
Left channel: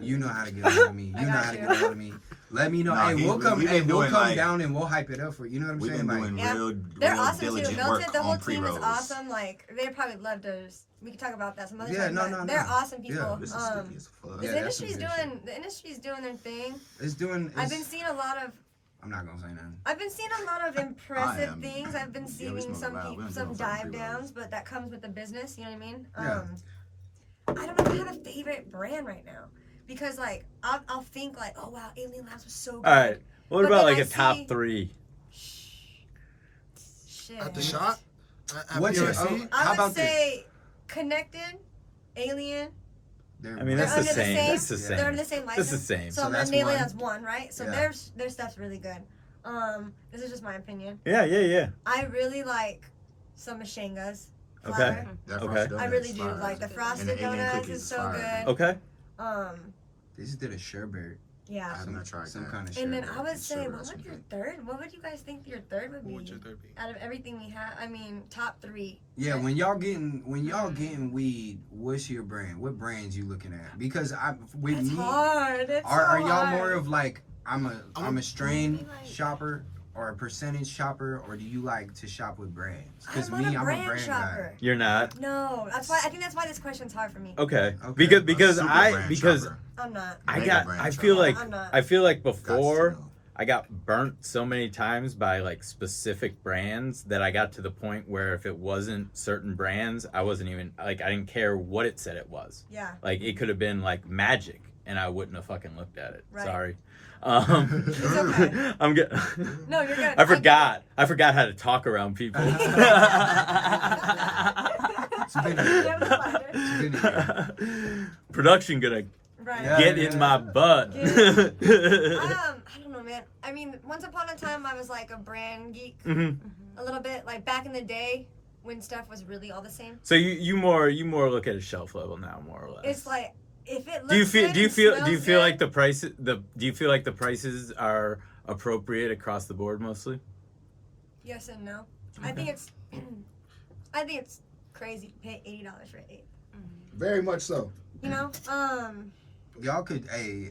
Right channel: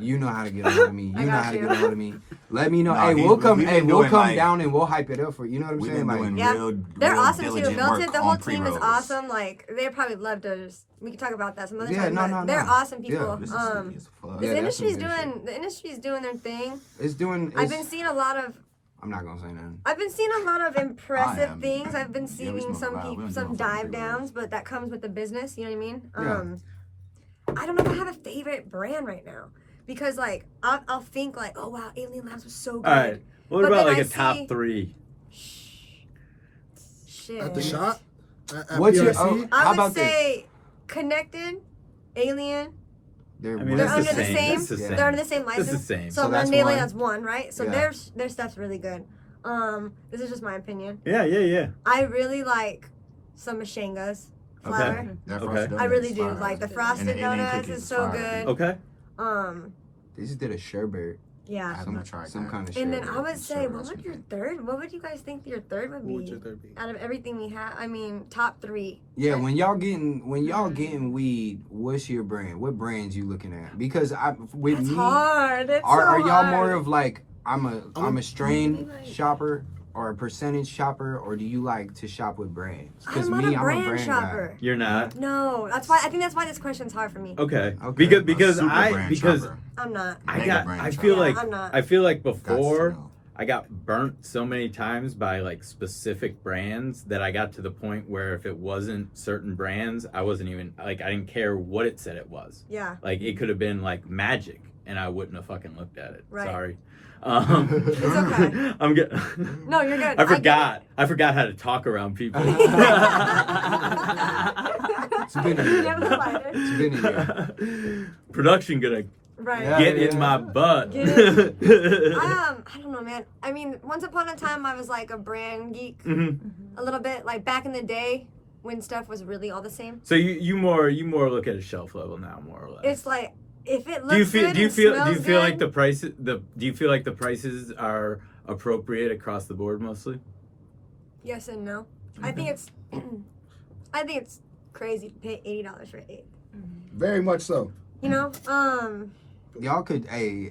You know how to get a hold of me. I You know got how to you. get a hold of me. Let me know. Nah, hey, we've we'll come. been Hey, we'll doing, come like- down and we'll hype it up for you. Know what I'm We've saying? been Like, doing Yeah. They're real awesome too. diligent Melted, work the whole on team is pre-rolls. awesome. Like they'd probably love to. We could talk about that some other Yeah, time. no, but no, they're no. awesome people. Yeah. This is Yeah, The that's some industry's good doing. The industry's doing their thing. it's doing. I've It's, been seeing a lot of. I'm not gonna say nothing. I've been seeing a lot of impressive am. things. I've been Yeah, we seeing smoke loud. We don't some smoke dive pre-rolls. downs, but that comes with the business. You know what I mean? Yeah. I don't know if I have a favorite brand right now because like I'll think like, oh wow, Alien Labs was so good. All right. What But about then like I a top see- 3? Shit. At the shop? At What's your- PRC? How I about would this? say Connected, Alien. They're I mean, They're that's the under the same. same. That's the Yeah. same. They're under the same That's license. the same. So, So that's Alien one. has one, right? So Yeah. their stuff's really good. This is just my opinion. Yeah. I really like some Mashangas. Okay. Flour. Their Okay. frosted I really donuts do. fire. Like the And frosted the Alien donuts cookies is so fire. good. Okay. They just did a sherbet. I Yeah. have not tried Some that. kind of And then sherbet. I would say, Sure, what would your third? What would you guys think your third would be? What would your third be? Out of everything we have, I mean, top 3. Yeah, when y'all getting weed, what's your brand? What brands you looking at? Because with It's me, hard. It's are so y'all hard. more of like I'm a strain Like- shopper or a percentage shopper, or do you like to shop with brands? I'm not a brand guy. shopper. You're not. No, that's why. I think that's why this question's hard for me. Okay. Okay. Because Super brand because shopper. I'm not. Mega brand I shopper. feel Yeah, like I'm not. I feel like Guts to before know. I got burnt so many times by like specific brands that I got to the point where if it wasn't certain brands, I wasn't even like I didn't care what it said it was. Yeah. Like it could have been like Magic and I wouldn't have fucking looked at it. Right. Sorry. It's okay. I'm good. No, you're good. I forgot how to talk around people. It's been a Yeah, year. we'll fight it. It's been a year. Production gonna Right. Yeah. get in my butt. Get I don't know, man. I mean, once upon a time, I was like a brand geek Mhm. a little bit, like back in the day when stuff was really all the same. So you more look at a shelf level now, more or less. It's like if it looks do you feel good do you and feel do you smells feel good- like the price do you feel like the prices are appropriate across the board mostly? Yes and no. I think it's I think it's crazy to pay $80 for 8. Very much so. You know, Y'all could, hey,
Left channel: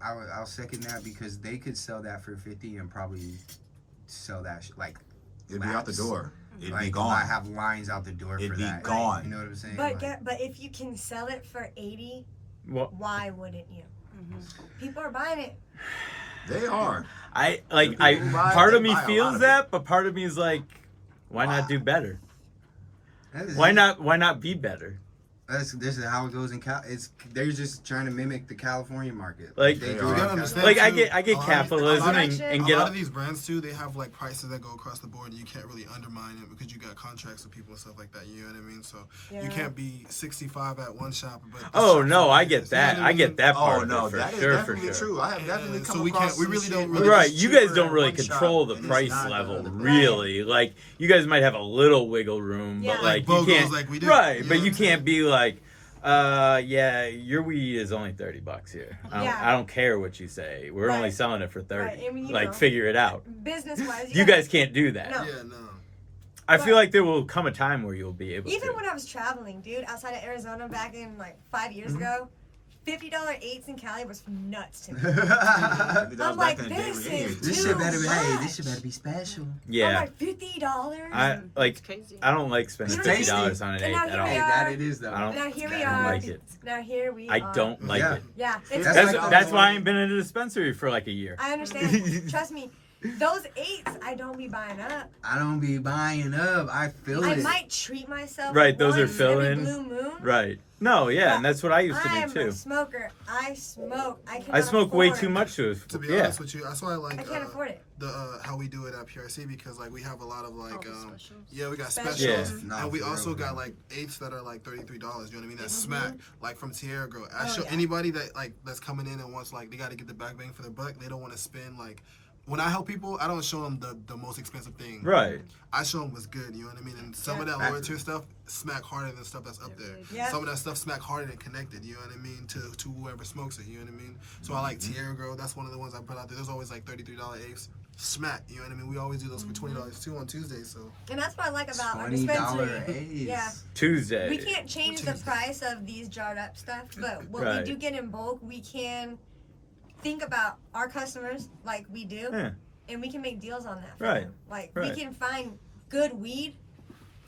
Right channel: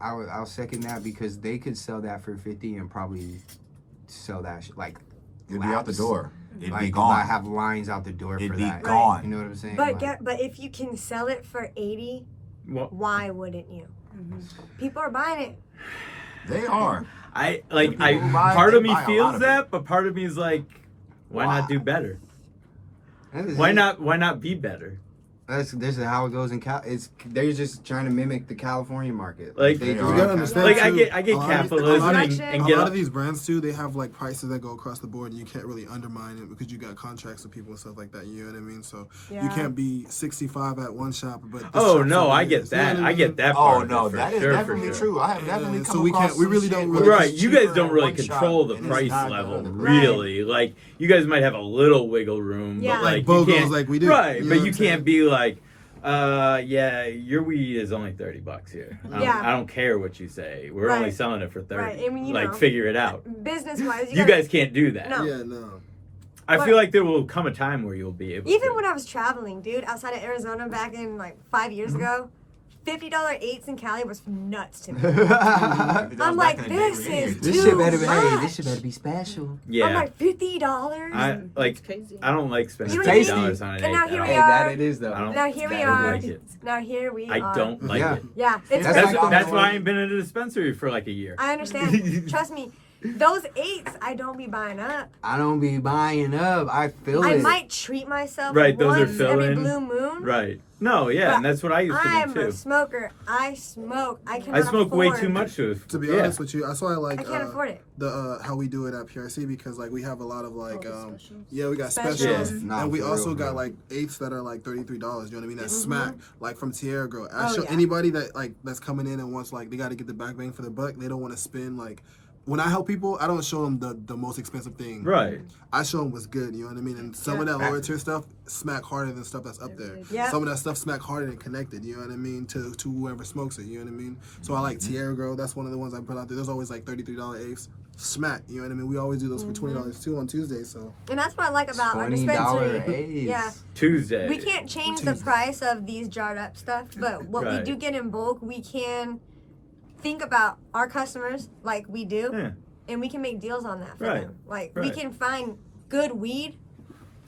I'll second that because they could sell that for $50 and probably sell that like It'll be out the laps. door. It'd Like, be 'cause I gone. have lines out the door It'd for be that. gone. You know what I'm saying? But Like, but if you can sell it for 80, Well, why wouldn't you? People are buying it. They are. Part of me buy a lot feels of that, but part of me is like, why not do better? that is- Why not be better? This is how it goes in Cal. They're just trying to mimic the California market. Like, they you do gotta it. understand, Like, too, I get a lot of- capitalism a lot and, of- and A get lot of these brands too, they have like prices that go across the board, and you can't really undermine it because you got contracts with people and stuff like that. You know what I mean? So you Yeah. can't be 65 at one shop, but this Oh shop's no, over I here. get You know that. what I get that part Oh of no, it for that is sure, for definitely sure. true. I have definitely so come we across can't- we some really shit don't where really- Right, it's you guys cheaper don't at really one shop control the and it's price not level, another. really. Like, you guys might have a little wiggle room, Yeah. but Like like, you BOGOs can't, like we do. right? You know But what you I'm saying? can't be like, yeah, your weed is only $30 here. Yeah. I don't care what you say. We're only Right. selling it for 30. Right, I mean, you like, know. figure it out. Business wise, You guys can't do that. No. Yeah, no. I But- feel like there will come a time where you'll be able Even to. when I was traveling, dude, outside of Arizona back in like 5 years Mm-hmm. ago, $50 eights in Cali was nuts to me. That I'm was like, back in the day this when is you- This too shit better be. much. Hey, this shit better be special. I'm yeah. like, $50? I like. crazy. I don't like spending You know what I mean? $50 on an And eight. now I here don't, we Hey, are. that it is though. I don't- Now here we I don't are. like it. Now here we I are. don't like Yeah. it. Yeah, it's That's That's, like that's the- why I ain't been in a dispensary for like a year. I understand. Trust me, those eights I don't be buying up. I don't be buying up. I feel I it. might treat myself. Right, those are once every fill-in. blue moon. Right. No, yeah, But and that's what I used to I'm do a too. smoker. I smoke. I cannot I smoke way afford- too much to. To be yeah. honest with you, I saw I like can't afford it. the how we do it at PRC because like we have a lot of like Specials. yeah, we got Specials. specials, Yeah. Nah, and we for also real, got bro. like eighths that are like $33. You know what I mean? That's Mhm. smack like from Tierra Girl. I Oh, show yeah. anybody that like that's coming in and wants like they got to get the back bang for their buck. They don't want to spend like. When I help people, I don't show them the most expensive thing. Right. I show them what's good. You know what I mean? And some of that lower tier stuff smack harder than stuff that's up there. Yeah. Some of that stuff smack harder and connected. You know what I mean? To whoever smokes it. You know what I mean? So I like Tierra Girl. That's one of the ones I put out there. There's always like $33 eighths. Smack. You know what I mean? We always do those for $20 too on Tuesdays. So And that's what I like about our $20 dispensary. A's. Yeah. Tuesday. We can't change the Tuesday. price of these jarred up stuff, but what Right. we do get in bulk, we can think about our customers like we do, Yeah. and we can make deals on that for Right. them. Like we Right. can find good weed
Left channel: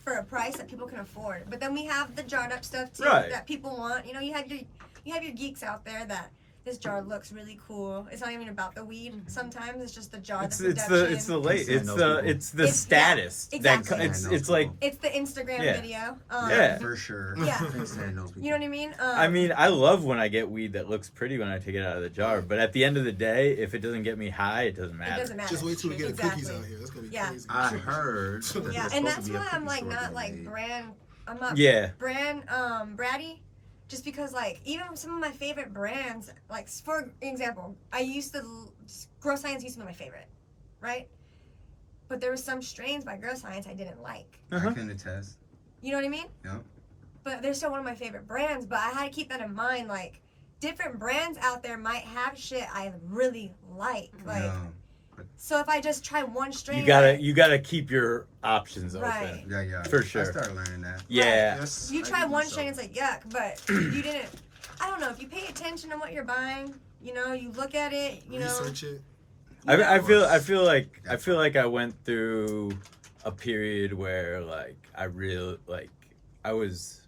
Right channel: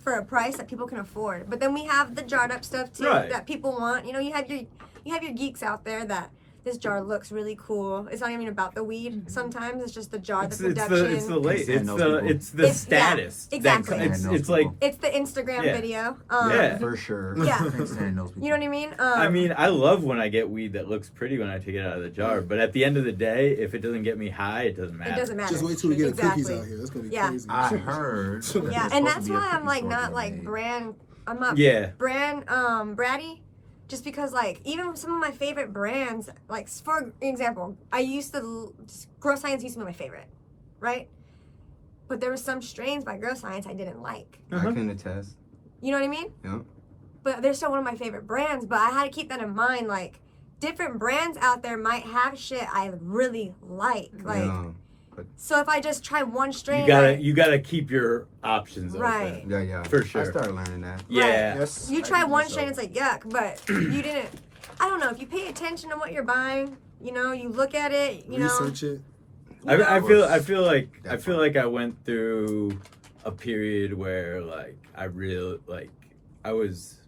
for a price that people can afford. But then we have the jarred up stuff too Right. that people want. You know, you have your geeks out there that this jar looks really cool. It's not even about the weed. Sometimes it's just the jar, It's the it's production. the late Send it's those the people. it's the It's- yeah, status exactly. that it's Send those it's like people. It's the Instagram Yeah. video. Yeah. For sure. Yeah. Send those people. You know what I mean? I mean, I love when I get weed that looks pretty when I take it out of the jar, but at the end of the day, if it doesn't get me high, it doesn't it matter. doesn't matter. just wait till we get Exactly. cookies out here. That's gonna be Yeah. crazy. I heard. Yeah, and that's why I'm like not like brand. I'm not Yeah. brand bratty, just because like even some of my favorite brands, like for example, I used to Grow Science used to be my favorite, right? But there were some strains by Grow Science I didn't like. I Uh-huh. can attest. You know what I mean? Yeah. But they're still one of my favorite brands. But I had to keep that in mind. Like different brands out there might have shit I really like. Like Yeah. so if I just try one strain, You gotta keep your options Right. open. Yeah, yeah. For sure. I started learning that. Yeah. Yes. you try one strain, it's like yuck, but you didn't. I don't know if you pay attention to what you're buying. You know, you look at it. You Research it. know, I feel like I went through a period where like I was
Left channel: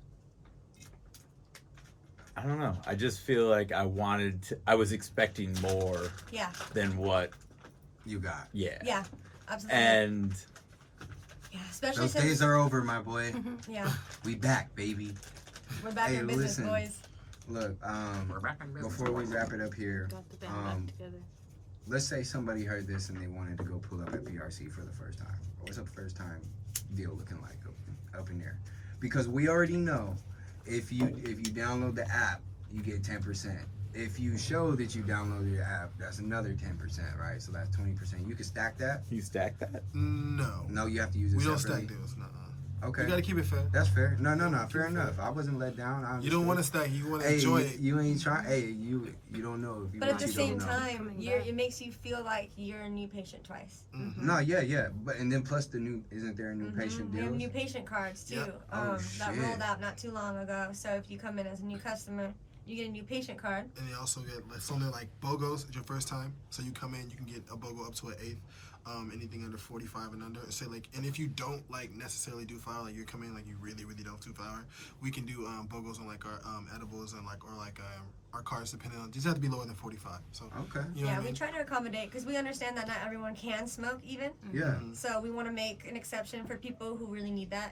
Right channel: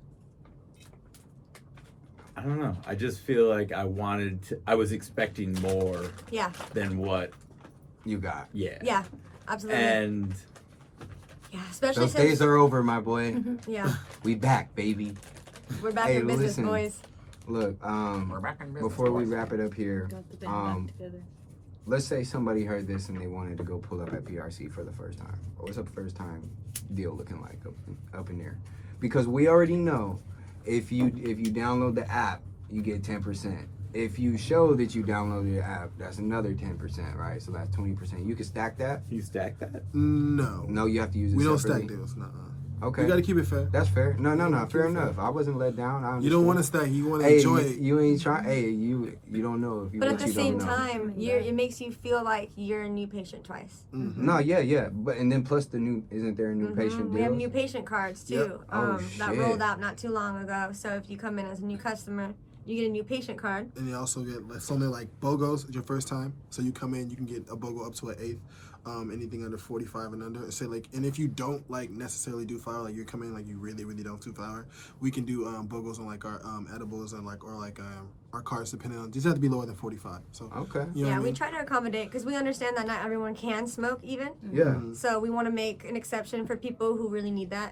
I don't know. I just feel like I was expecting more Yeah, than what You got. yeah. yeah, absolutely. And yeah, especially Those since days are over, my boy. yeah, We back, baby. we're back Hey, in business, listen. boys. Look, before we wrap it up here, let's say somebody heard this and they wanted to go pull up at PRC for the first time. What's a first time deal looking like up in there? Because we already know if you download the app, you get 10%. If you show that you downloaded the app, that's another 10%, right? So that's 20%. You can stack that? You stack that? No. No, you have to use it We don't separately? stack deals. Nuh-uh. Okay. We gotta keep it fair. That's fair. No, fair enough. I wasn't let down. You don't want to stack. You want to Hey, enjoy it. you ain't trying. Hey, you don't know if you. But at what the you same don't know. time, it makes you feel like you're a new patient twice. Mhm. No, yeah, but and then plus the new, isn't there a new patient We have deals? new patient cards too. Yep. Oh, that shit. rolled out not too long ago. So if you come in as a new customer, you get a new patient card. And you also get like, something like BOGOs. It's your first time, so you come in, you can get a BOGO up to an eighth. anything under 45 and under. Say like, and if you don't like necessarily do flour, like you're coming like you really don't do flour, we can do BOGOs on like our edibles and like our cars, depending on, just have to be lower than 45. So Okay. you know what I we mean? try to accommodate because we understand that not everyone can smoke even. Yeah. So we want to make an exception for people who really need that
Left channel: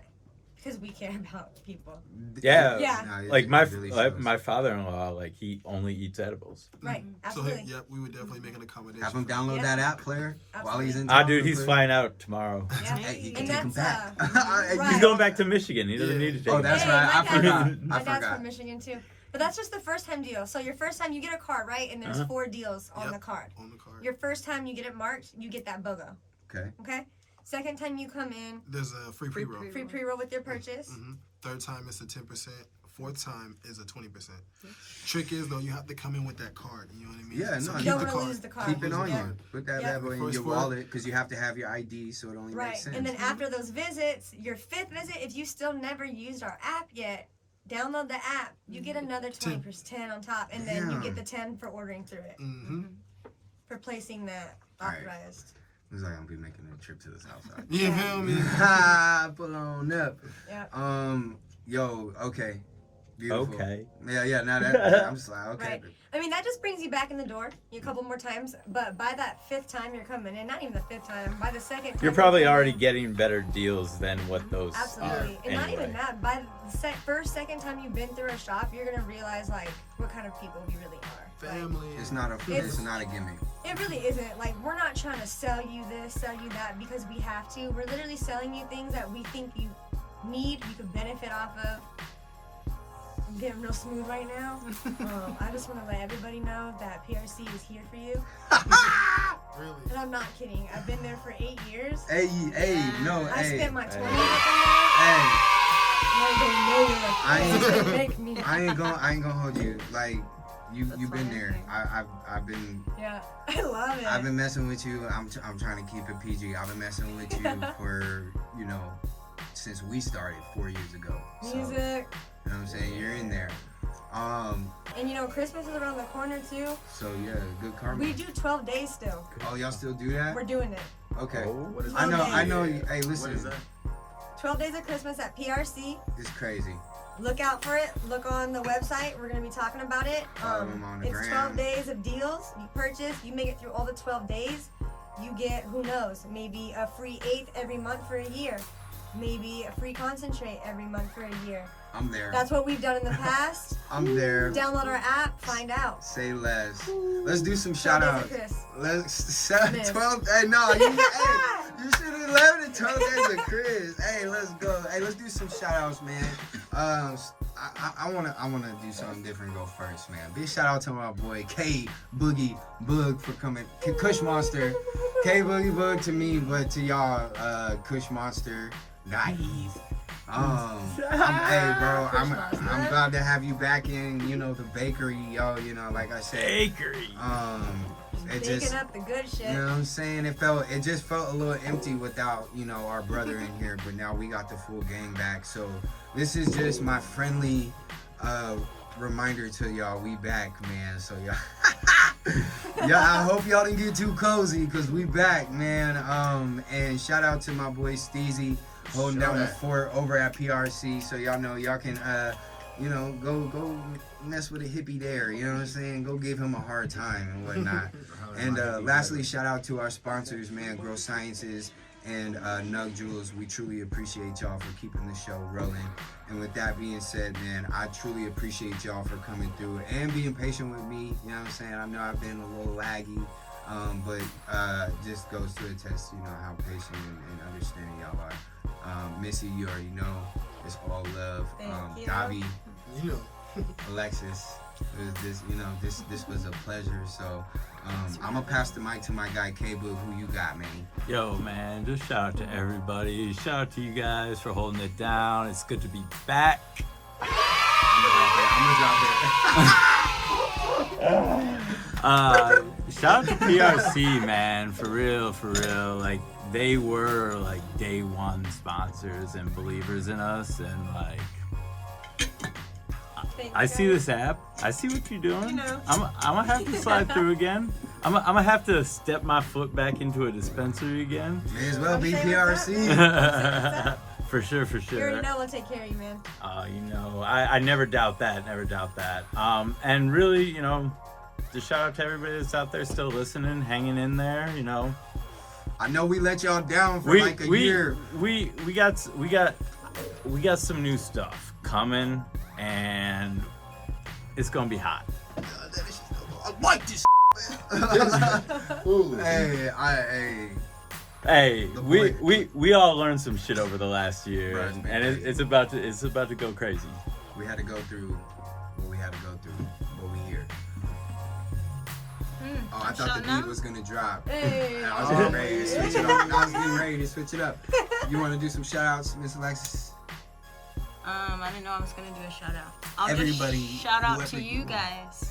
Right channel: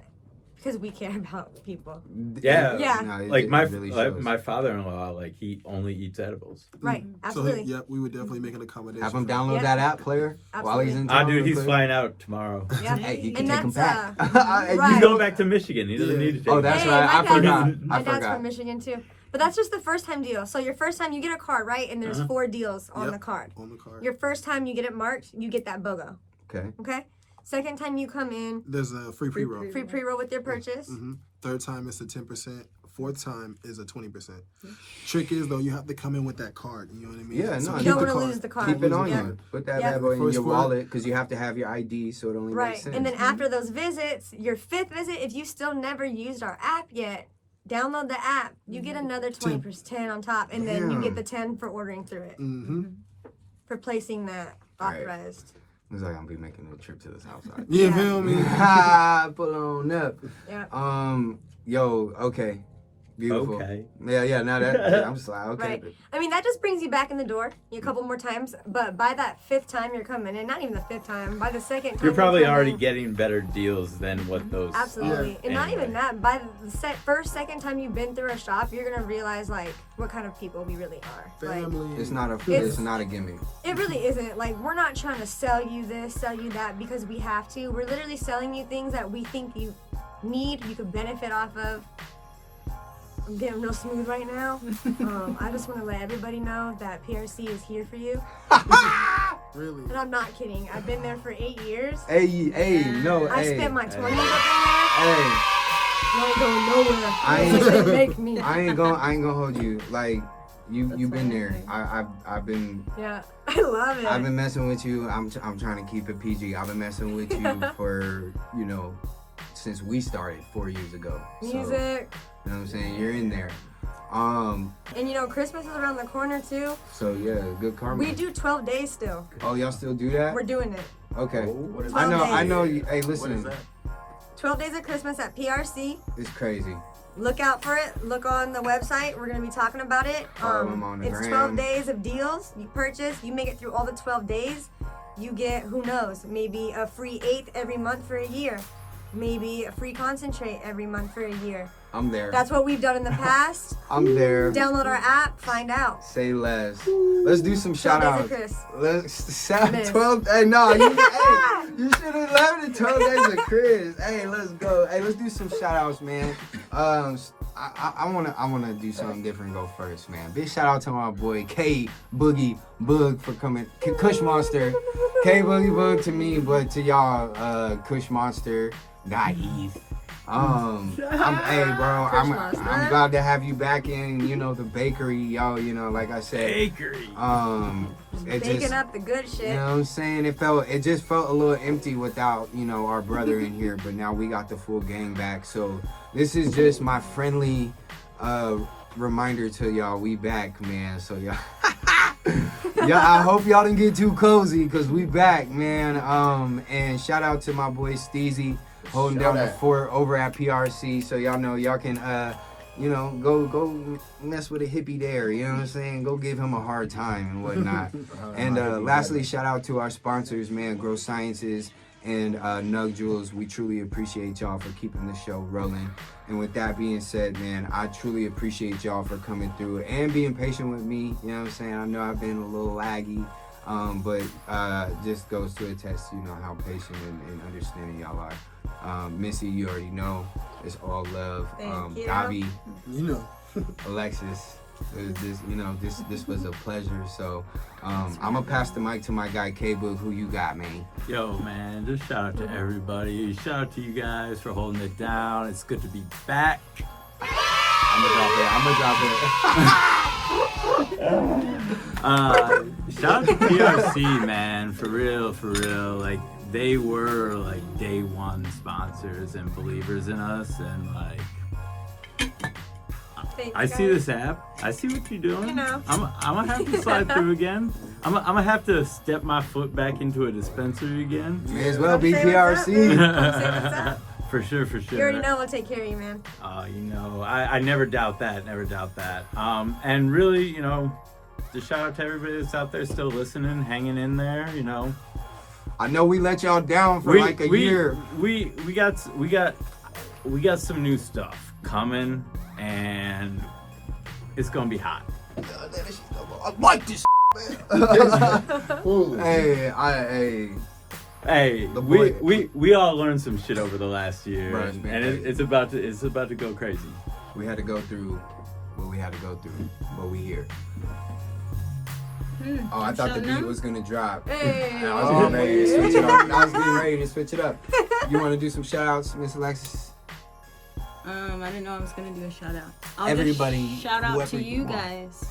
because we care about people. Yeah. Yeah. No, it- Like it my really shows. my father-in-law, like he only eats edibles. Right. So Absolutely. we would definitely make an accommodation. Have him for that. download Yeah. that app player while he's in town. Dude, he's real quick. flying out tomorrow. Yeah. Hey, he can And take him back. that's, Right. He's going back to Michigan. He doesn't Yeah. need to take Oh, him that's back. right. I my forgot. dad- My I dad's forgot. from Michigan too. But that's just the first time deal. So your first time you get a card, right? And there's 4 deals on Yep. the card. On the card. Your first time you get it marked, you get that BOGO. Okay. Okay? Second time you come in, There's a free pre-roll. free pre-roll with your purchase. Third time it's a 10%. Fourth time is a 20%. Trick is though, you have to come in with that card. You know what I mean? Yeah, So no, keep you don't the wanna card. lose the card. Keep it on Yeah. you. Put that Yeah. bad boy in First your four- wallet because you have to have your ID, so it only Right. makes sense. And then after those visits, your 5th visit, if you still never used our app yet, download the app. You get another 20% on top. And then you Damn. get the 10 for ordering through it. For placing that Alright. authorized. Looks like I'm gonna be making a trip to the south side. You feel me? Ha! Pull on up. Yeah. Yo, okay. Beautiful. Okay. Yeah, now that I'm just like, okay. Right. I mean, that just brings you back in the door a couple more times. But by that 5th time you're coming in, not even the 5th time, by the 2nd time. You're probably coming already in- getting better deals than what those. Absolutely. Yeah. And not Anyway. even that. By the first, second time you've been through a shop, you're going to realize, like, what kind of people we really are. Like, Family. It's not a It's- it's not a gimmick. it really isn't. Like, we're not trying to sell you this, sell you that because we have to. We're literally selling you things that we think you need, you could benefit off of. I'm getting real smooth right now. I just want to let everybody know that PRC is here for you. Really. And I'm not kidding. I've been there for 8 years. Hey, no, I hey. spent my 20 Hey, not going nowhere. I ain't make me. I ain't gonna hold you. Like you've been there. I've been Yeah, I love it. I've been messing with you. I'm trying to keep it PG. I've been messing with you for, since we started 4 years ago. So, Music. you know what I'm saying? You're in there. And Christmas is around the corner too. So yeah, good karma. We do 12 days still. Oh, y'all still do that? We're doing it. Okay. What is I that? know. Hey, listen, 12 days of Christmas at PRC. it's crazy. Look out for it. Look on the website. We're going to be talking about it. Follow them on the It's gram. 12 days of deals. You purchase. You make it through all the 12 days. You get, who knows, maybe a free 8th every month for a year. Maybe a free concentrate every month for a year. I'm there. That's what we've done in the past. I'm there. Download our app. Find out. Say less. Let's do some shout 12 outs. days of Chris. Let's shout Miss. 12. Hey, no, you should have left the 12 days of Chris. Hey, let's go. Hey, let's do some shout outs, man. I wanna do something different. Go first, man. Big shout out to my boy K Boogie Boog for coming. Kush Monster. K Boogie Boog to me, but to y'all, Kush Monster, guys. Hey, bro, I'm glad to have you back in. The bakery, yo. Like I said. Bakery. It Baking just, up the good shit. you know what I'm saying? It just felt a little empty without, our brother in here, but now we got the full gang back. So this is just my friendly reminder to y'all, we back, man. So y'all, I hope y'all didn't get too cozy because we back, man. And shout out to my boy Steezy holding down the fort over at PRC. So y'all know y'all can go mess with a hippie there, you know what I'm saying? Go give him a hard time and whatnot. And lastly, shout out to our sponsors, man, Grow Sciences and Nug Jewels. We truly appreciate y'all for keeping the show rolling. And with that being said, man, I truly appreciate y'all for coming through and being patient with me, you know what I'm saying? I know I've been a little laggy, but just goes to attest, how patient and understanding y'all are. Missy, you already know. It's all love. Thank you. Gabi, Alexis, this was a pleasure. So I'm gonna pass the mic to my guy K-Boog. Who you got, man? Yo, man, just shout out to everybody. Shout out to you guys for holding it down. It's good to be back. I'm gonna drop it. Shout out to PRC, man, for real. Like, they were like day one sponsors and believers in us, and like, I see this app. I see what you're doing. I'm gonna have to slide through again. I'm gonna have to step my foot back into a dispensary again. May as well be Say PRC. For sure. You already know we'll take care of you, man. I never doubt that. And really, just shout out to everybody that's out there still listening, hanging in there. I know we let y'all down for like a year. We got some new stuff coming, and it's gonna be hot. I like this, man. Hey, The boy- we all learned some shit over the last year, Right. and it's about to go crazy. We had to go through what we had to go through, but we here. Oh, I thought the beat was gonna drop. Hey. I was getting ready to switch it up. You want to do some shout outs, Miss Alexis? I didn't know I was gonna do a shout out. I'll Everybody, just shout out whoever to you you want. guys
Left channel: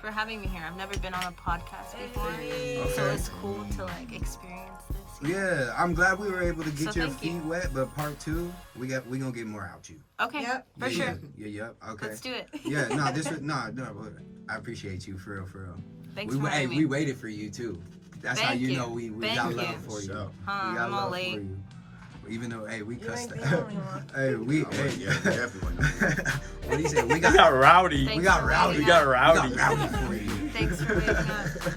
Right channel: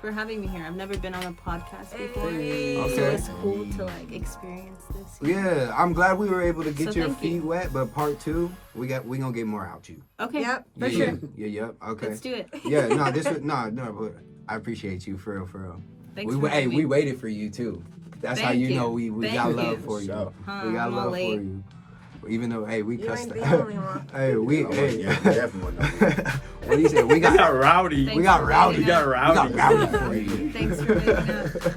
for having me here. I've never been on a podcast before, so Okay. it's cool to like experience this. Yeah, I'm glad we were able to get So your thank you. feet wet, but part 2, we gonna get more out you. Okay, Yep. for sure. Yeah, okay. Let's do it. Yeah, no, but I appreciate you for real. Thanks for having me. We waited for you too. That's how Thank you you. know we Thank got you. love for you. So, We got I'm all love for late. you. Even though, hey, we You cussed. ain't the only one. yeah, definitely. What do you say? We We got got rowdy. Thanks we got for rowdy. We got We rowdy. got rowdy for you. Thanks for making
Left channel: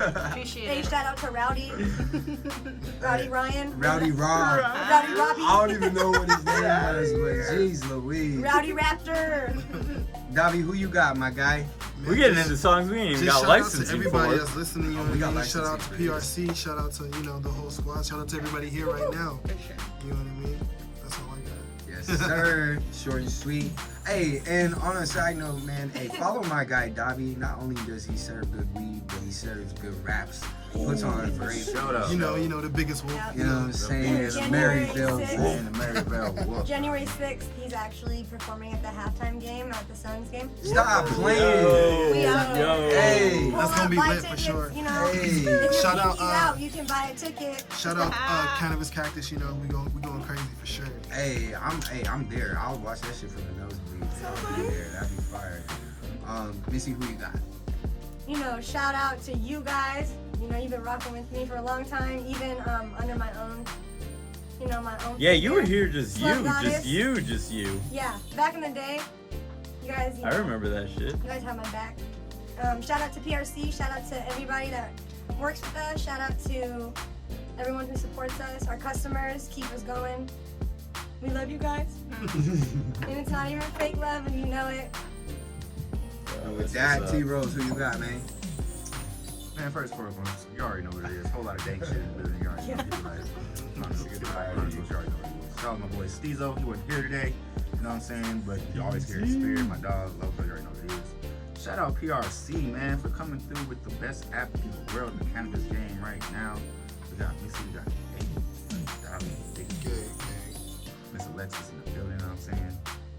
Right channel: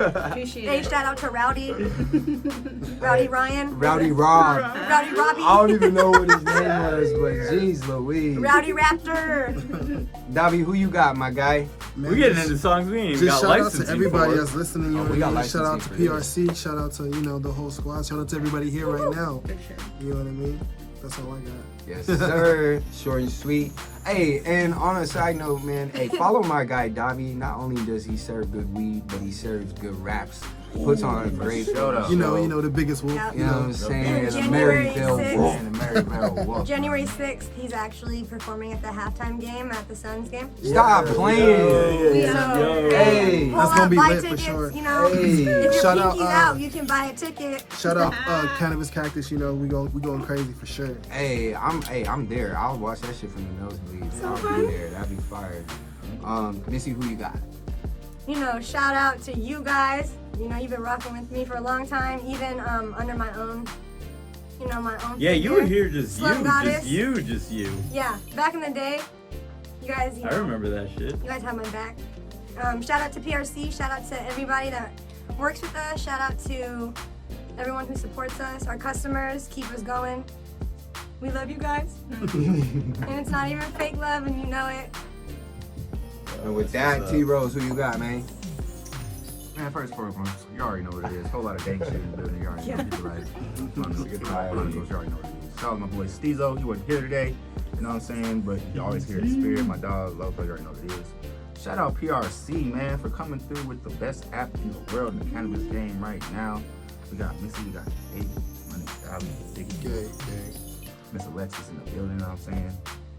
up. Appreciate Hey, it. shout out to Rowdy. Rowdy Ryan. Rowdy Rob. Rowdy Robbie. I don't even know what his name was, but jeez Louise. Rowdy Raptor. Davi, who you got, my guy? We're getting into songs we ain't even Just got shout out licensing to everybody for. that's listening. You know We what got I mean? Shout out to licensing for PRC. Shout out to the whole squad. Shout out to everybody here right now. You know what I mean? That's all I got. Yes, sir. Short and sweet. Hey, and on a side note, man, hey, follow my guy Davi. Not only does he serve good weed, but he serves good raps. He puts on a great show. You know the biggest wolf. You know what I'm saying? The Maryville Wolf. Maryville Wolf. January 6th, he's actually performing at the halftime game at the Suns game. Stop playing. Yo. Hey. That's gonna be Buy lit for tickets, sure. You know? Hey. If you're Shout out, geeking out, you can buy a ticket. Shout out Cannabis Cactus. You know we going crazy for sure. Hey, I'm there. I'll watch that shit from the nosebleeds. I'll be there. That'd be fire. Missy, who you got? Shout out to you guys. You've been rocking with me for a long time, even under my own, my own. Yeah, you were here just Slum you. Goddess. Yeah, back in the day, you guys. I remember that shit. You guys have my back. Shout out to PRC. Shout out to everybody that works with us. Shout out to everyone who supports us, our customers, keep us going. We love you guys. And it's not even fake love, and you know it. And with that, T-Rose, who you got, man? Man, first and foremost, you already know what it is. Whole lot of dank shit. You already know what it is. Shout out my boy Steezo. He wasn't here today. You know what I'm saying? But you always hear his spirit. My dog, love, you already know what it is. Shout out PRC, man, for coming through with the best app in the world in the cannabis game right now. We got Missy, we got Miss Alexis in the building, you know what I'm saying?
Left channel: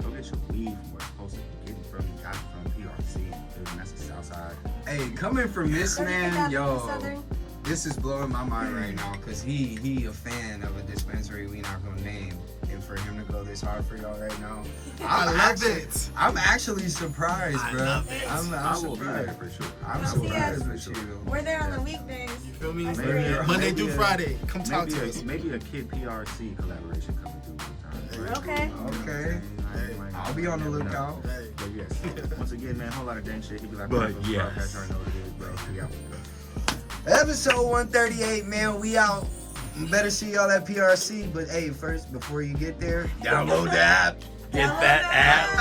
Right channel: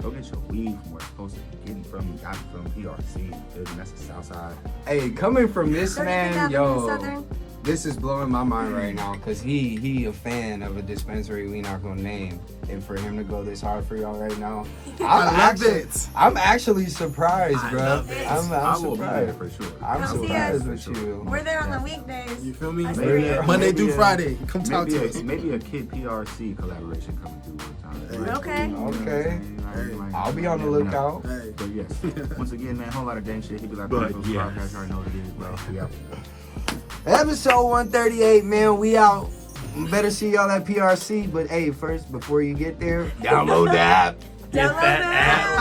Go get your weed from where it's supposed to be getting from. You got it from PRC in the building. That's the south side. Hey, coming from this man, Everything yo, happened in Southern. this is blowing my mind right now because he a fan of a dispensary we not gonna name, and for him to go this hard for y'all right now, I love it. I'm actually surprised, I bro. love it. I'm I will be there surprised. for sure. I'm You'll see surprised us. with you. We're there on the weekdays. You feel me? Maybe Monday through maybe Friday. Come talk maybe to us. maybe a Kid PRC collaboration coming through. Okay. Okay. I'll be on the lookout. Hey. But yes, once again, man, whole lot of dank shit. He was like, But yes. yes. You already know what it is, bro. Yeah. Episode 138, man. We out. Better see y'all at PRC. But hey, first, before you get there, download the app. Get that app.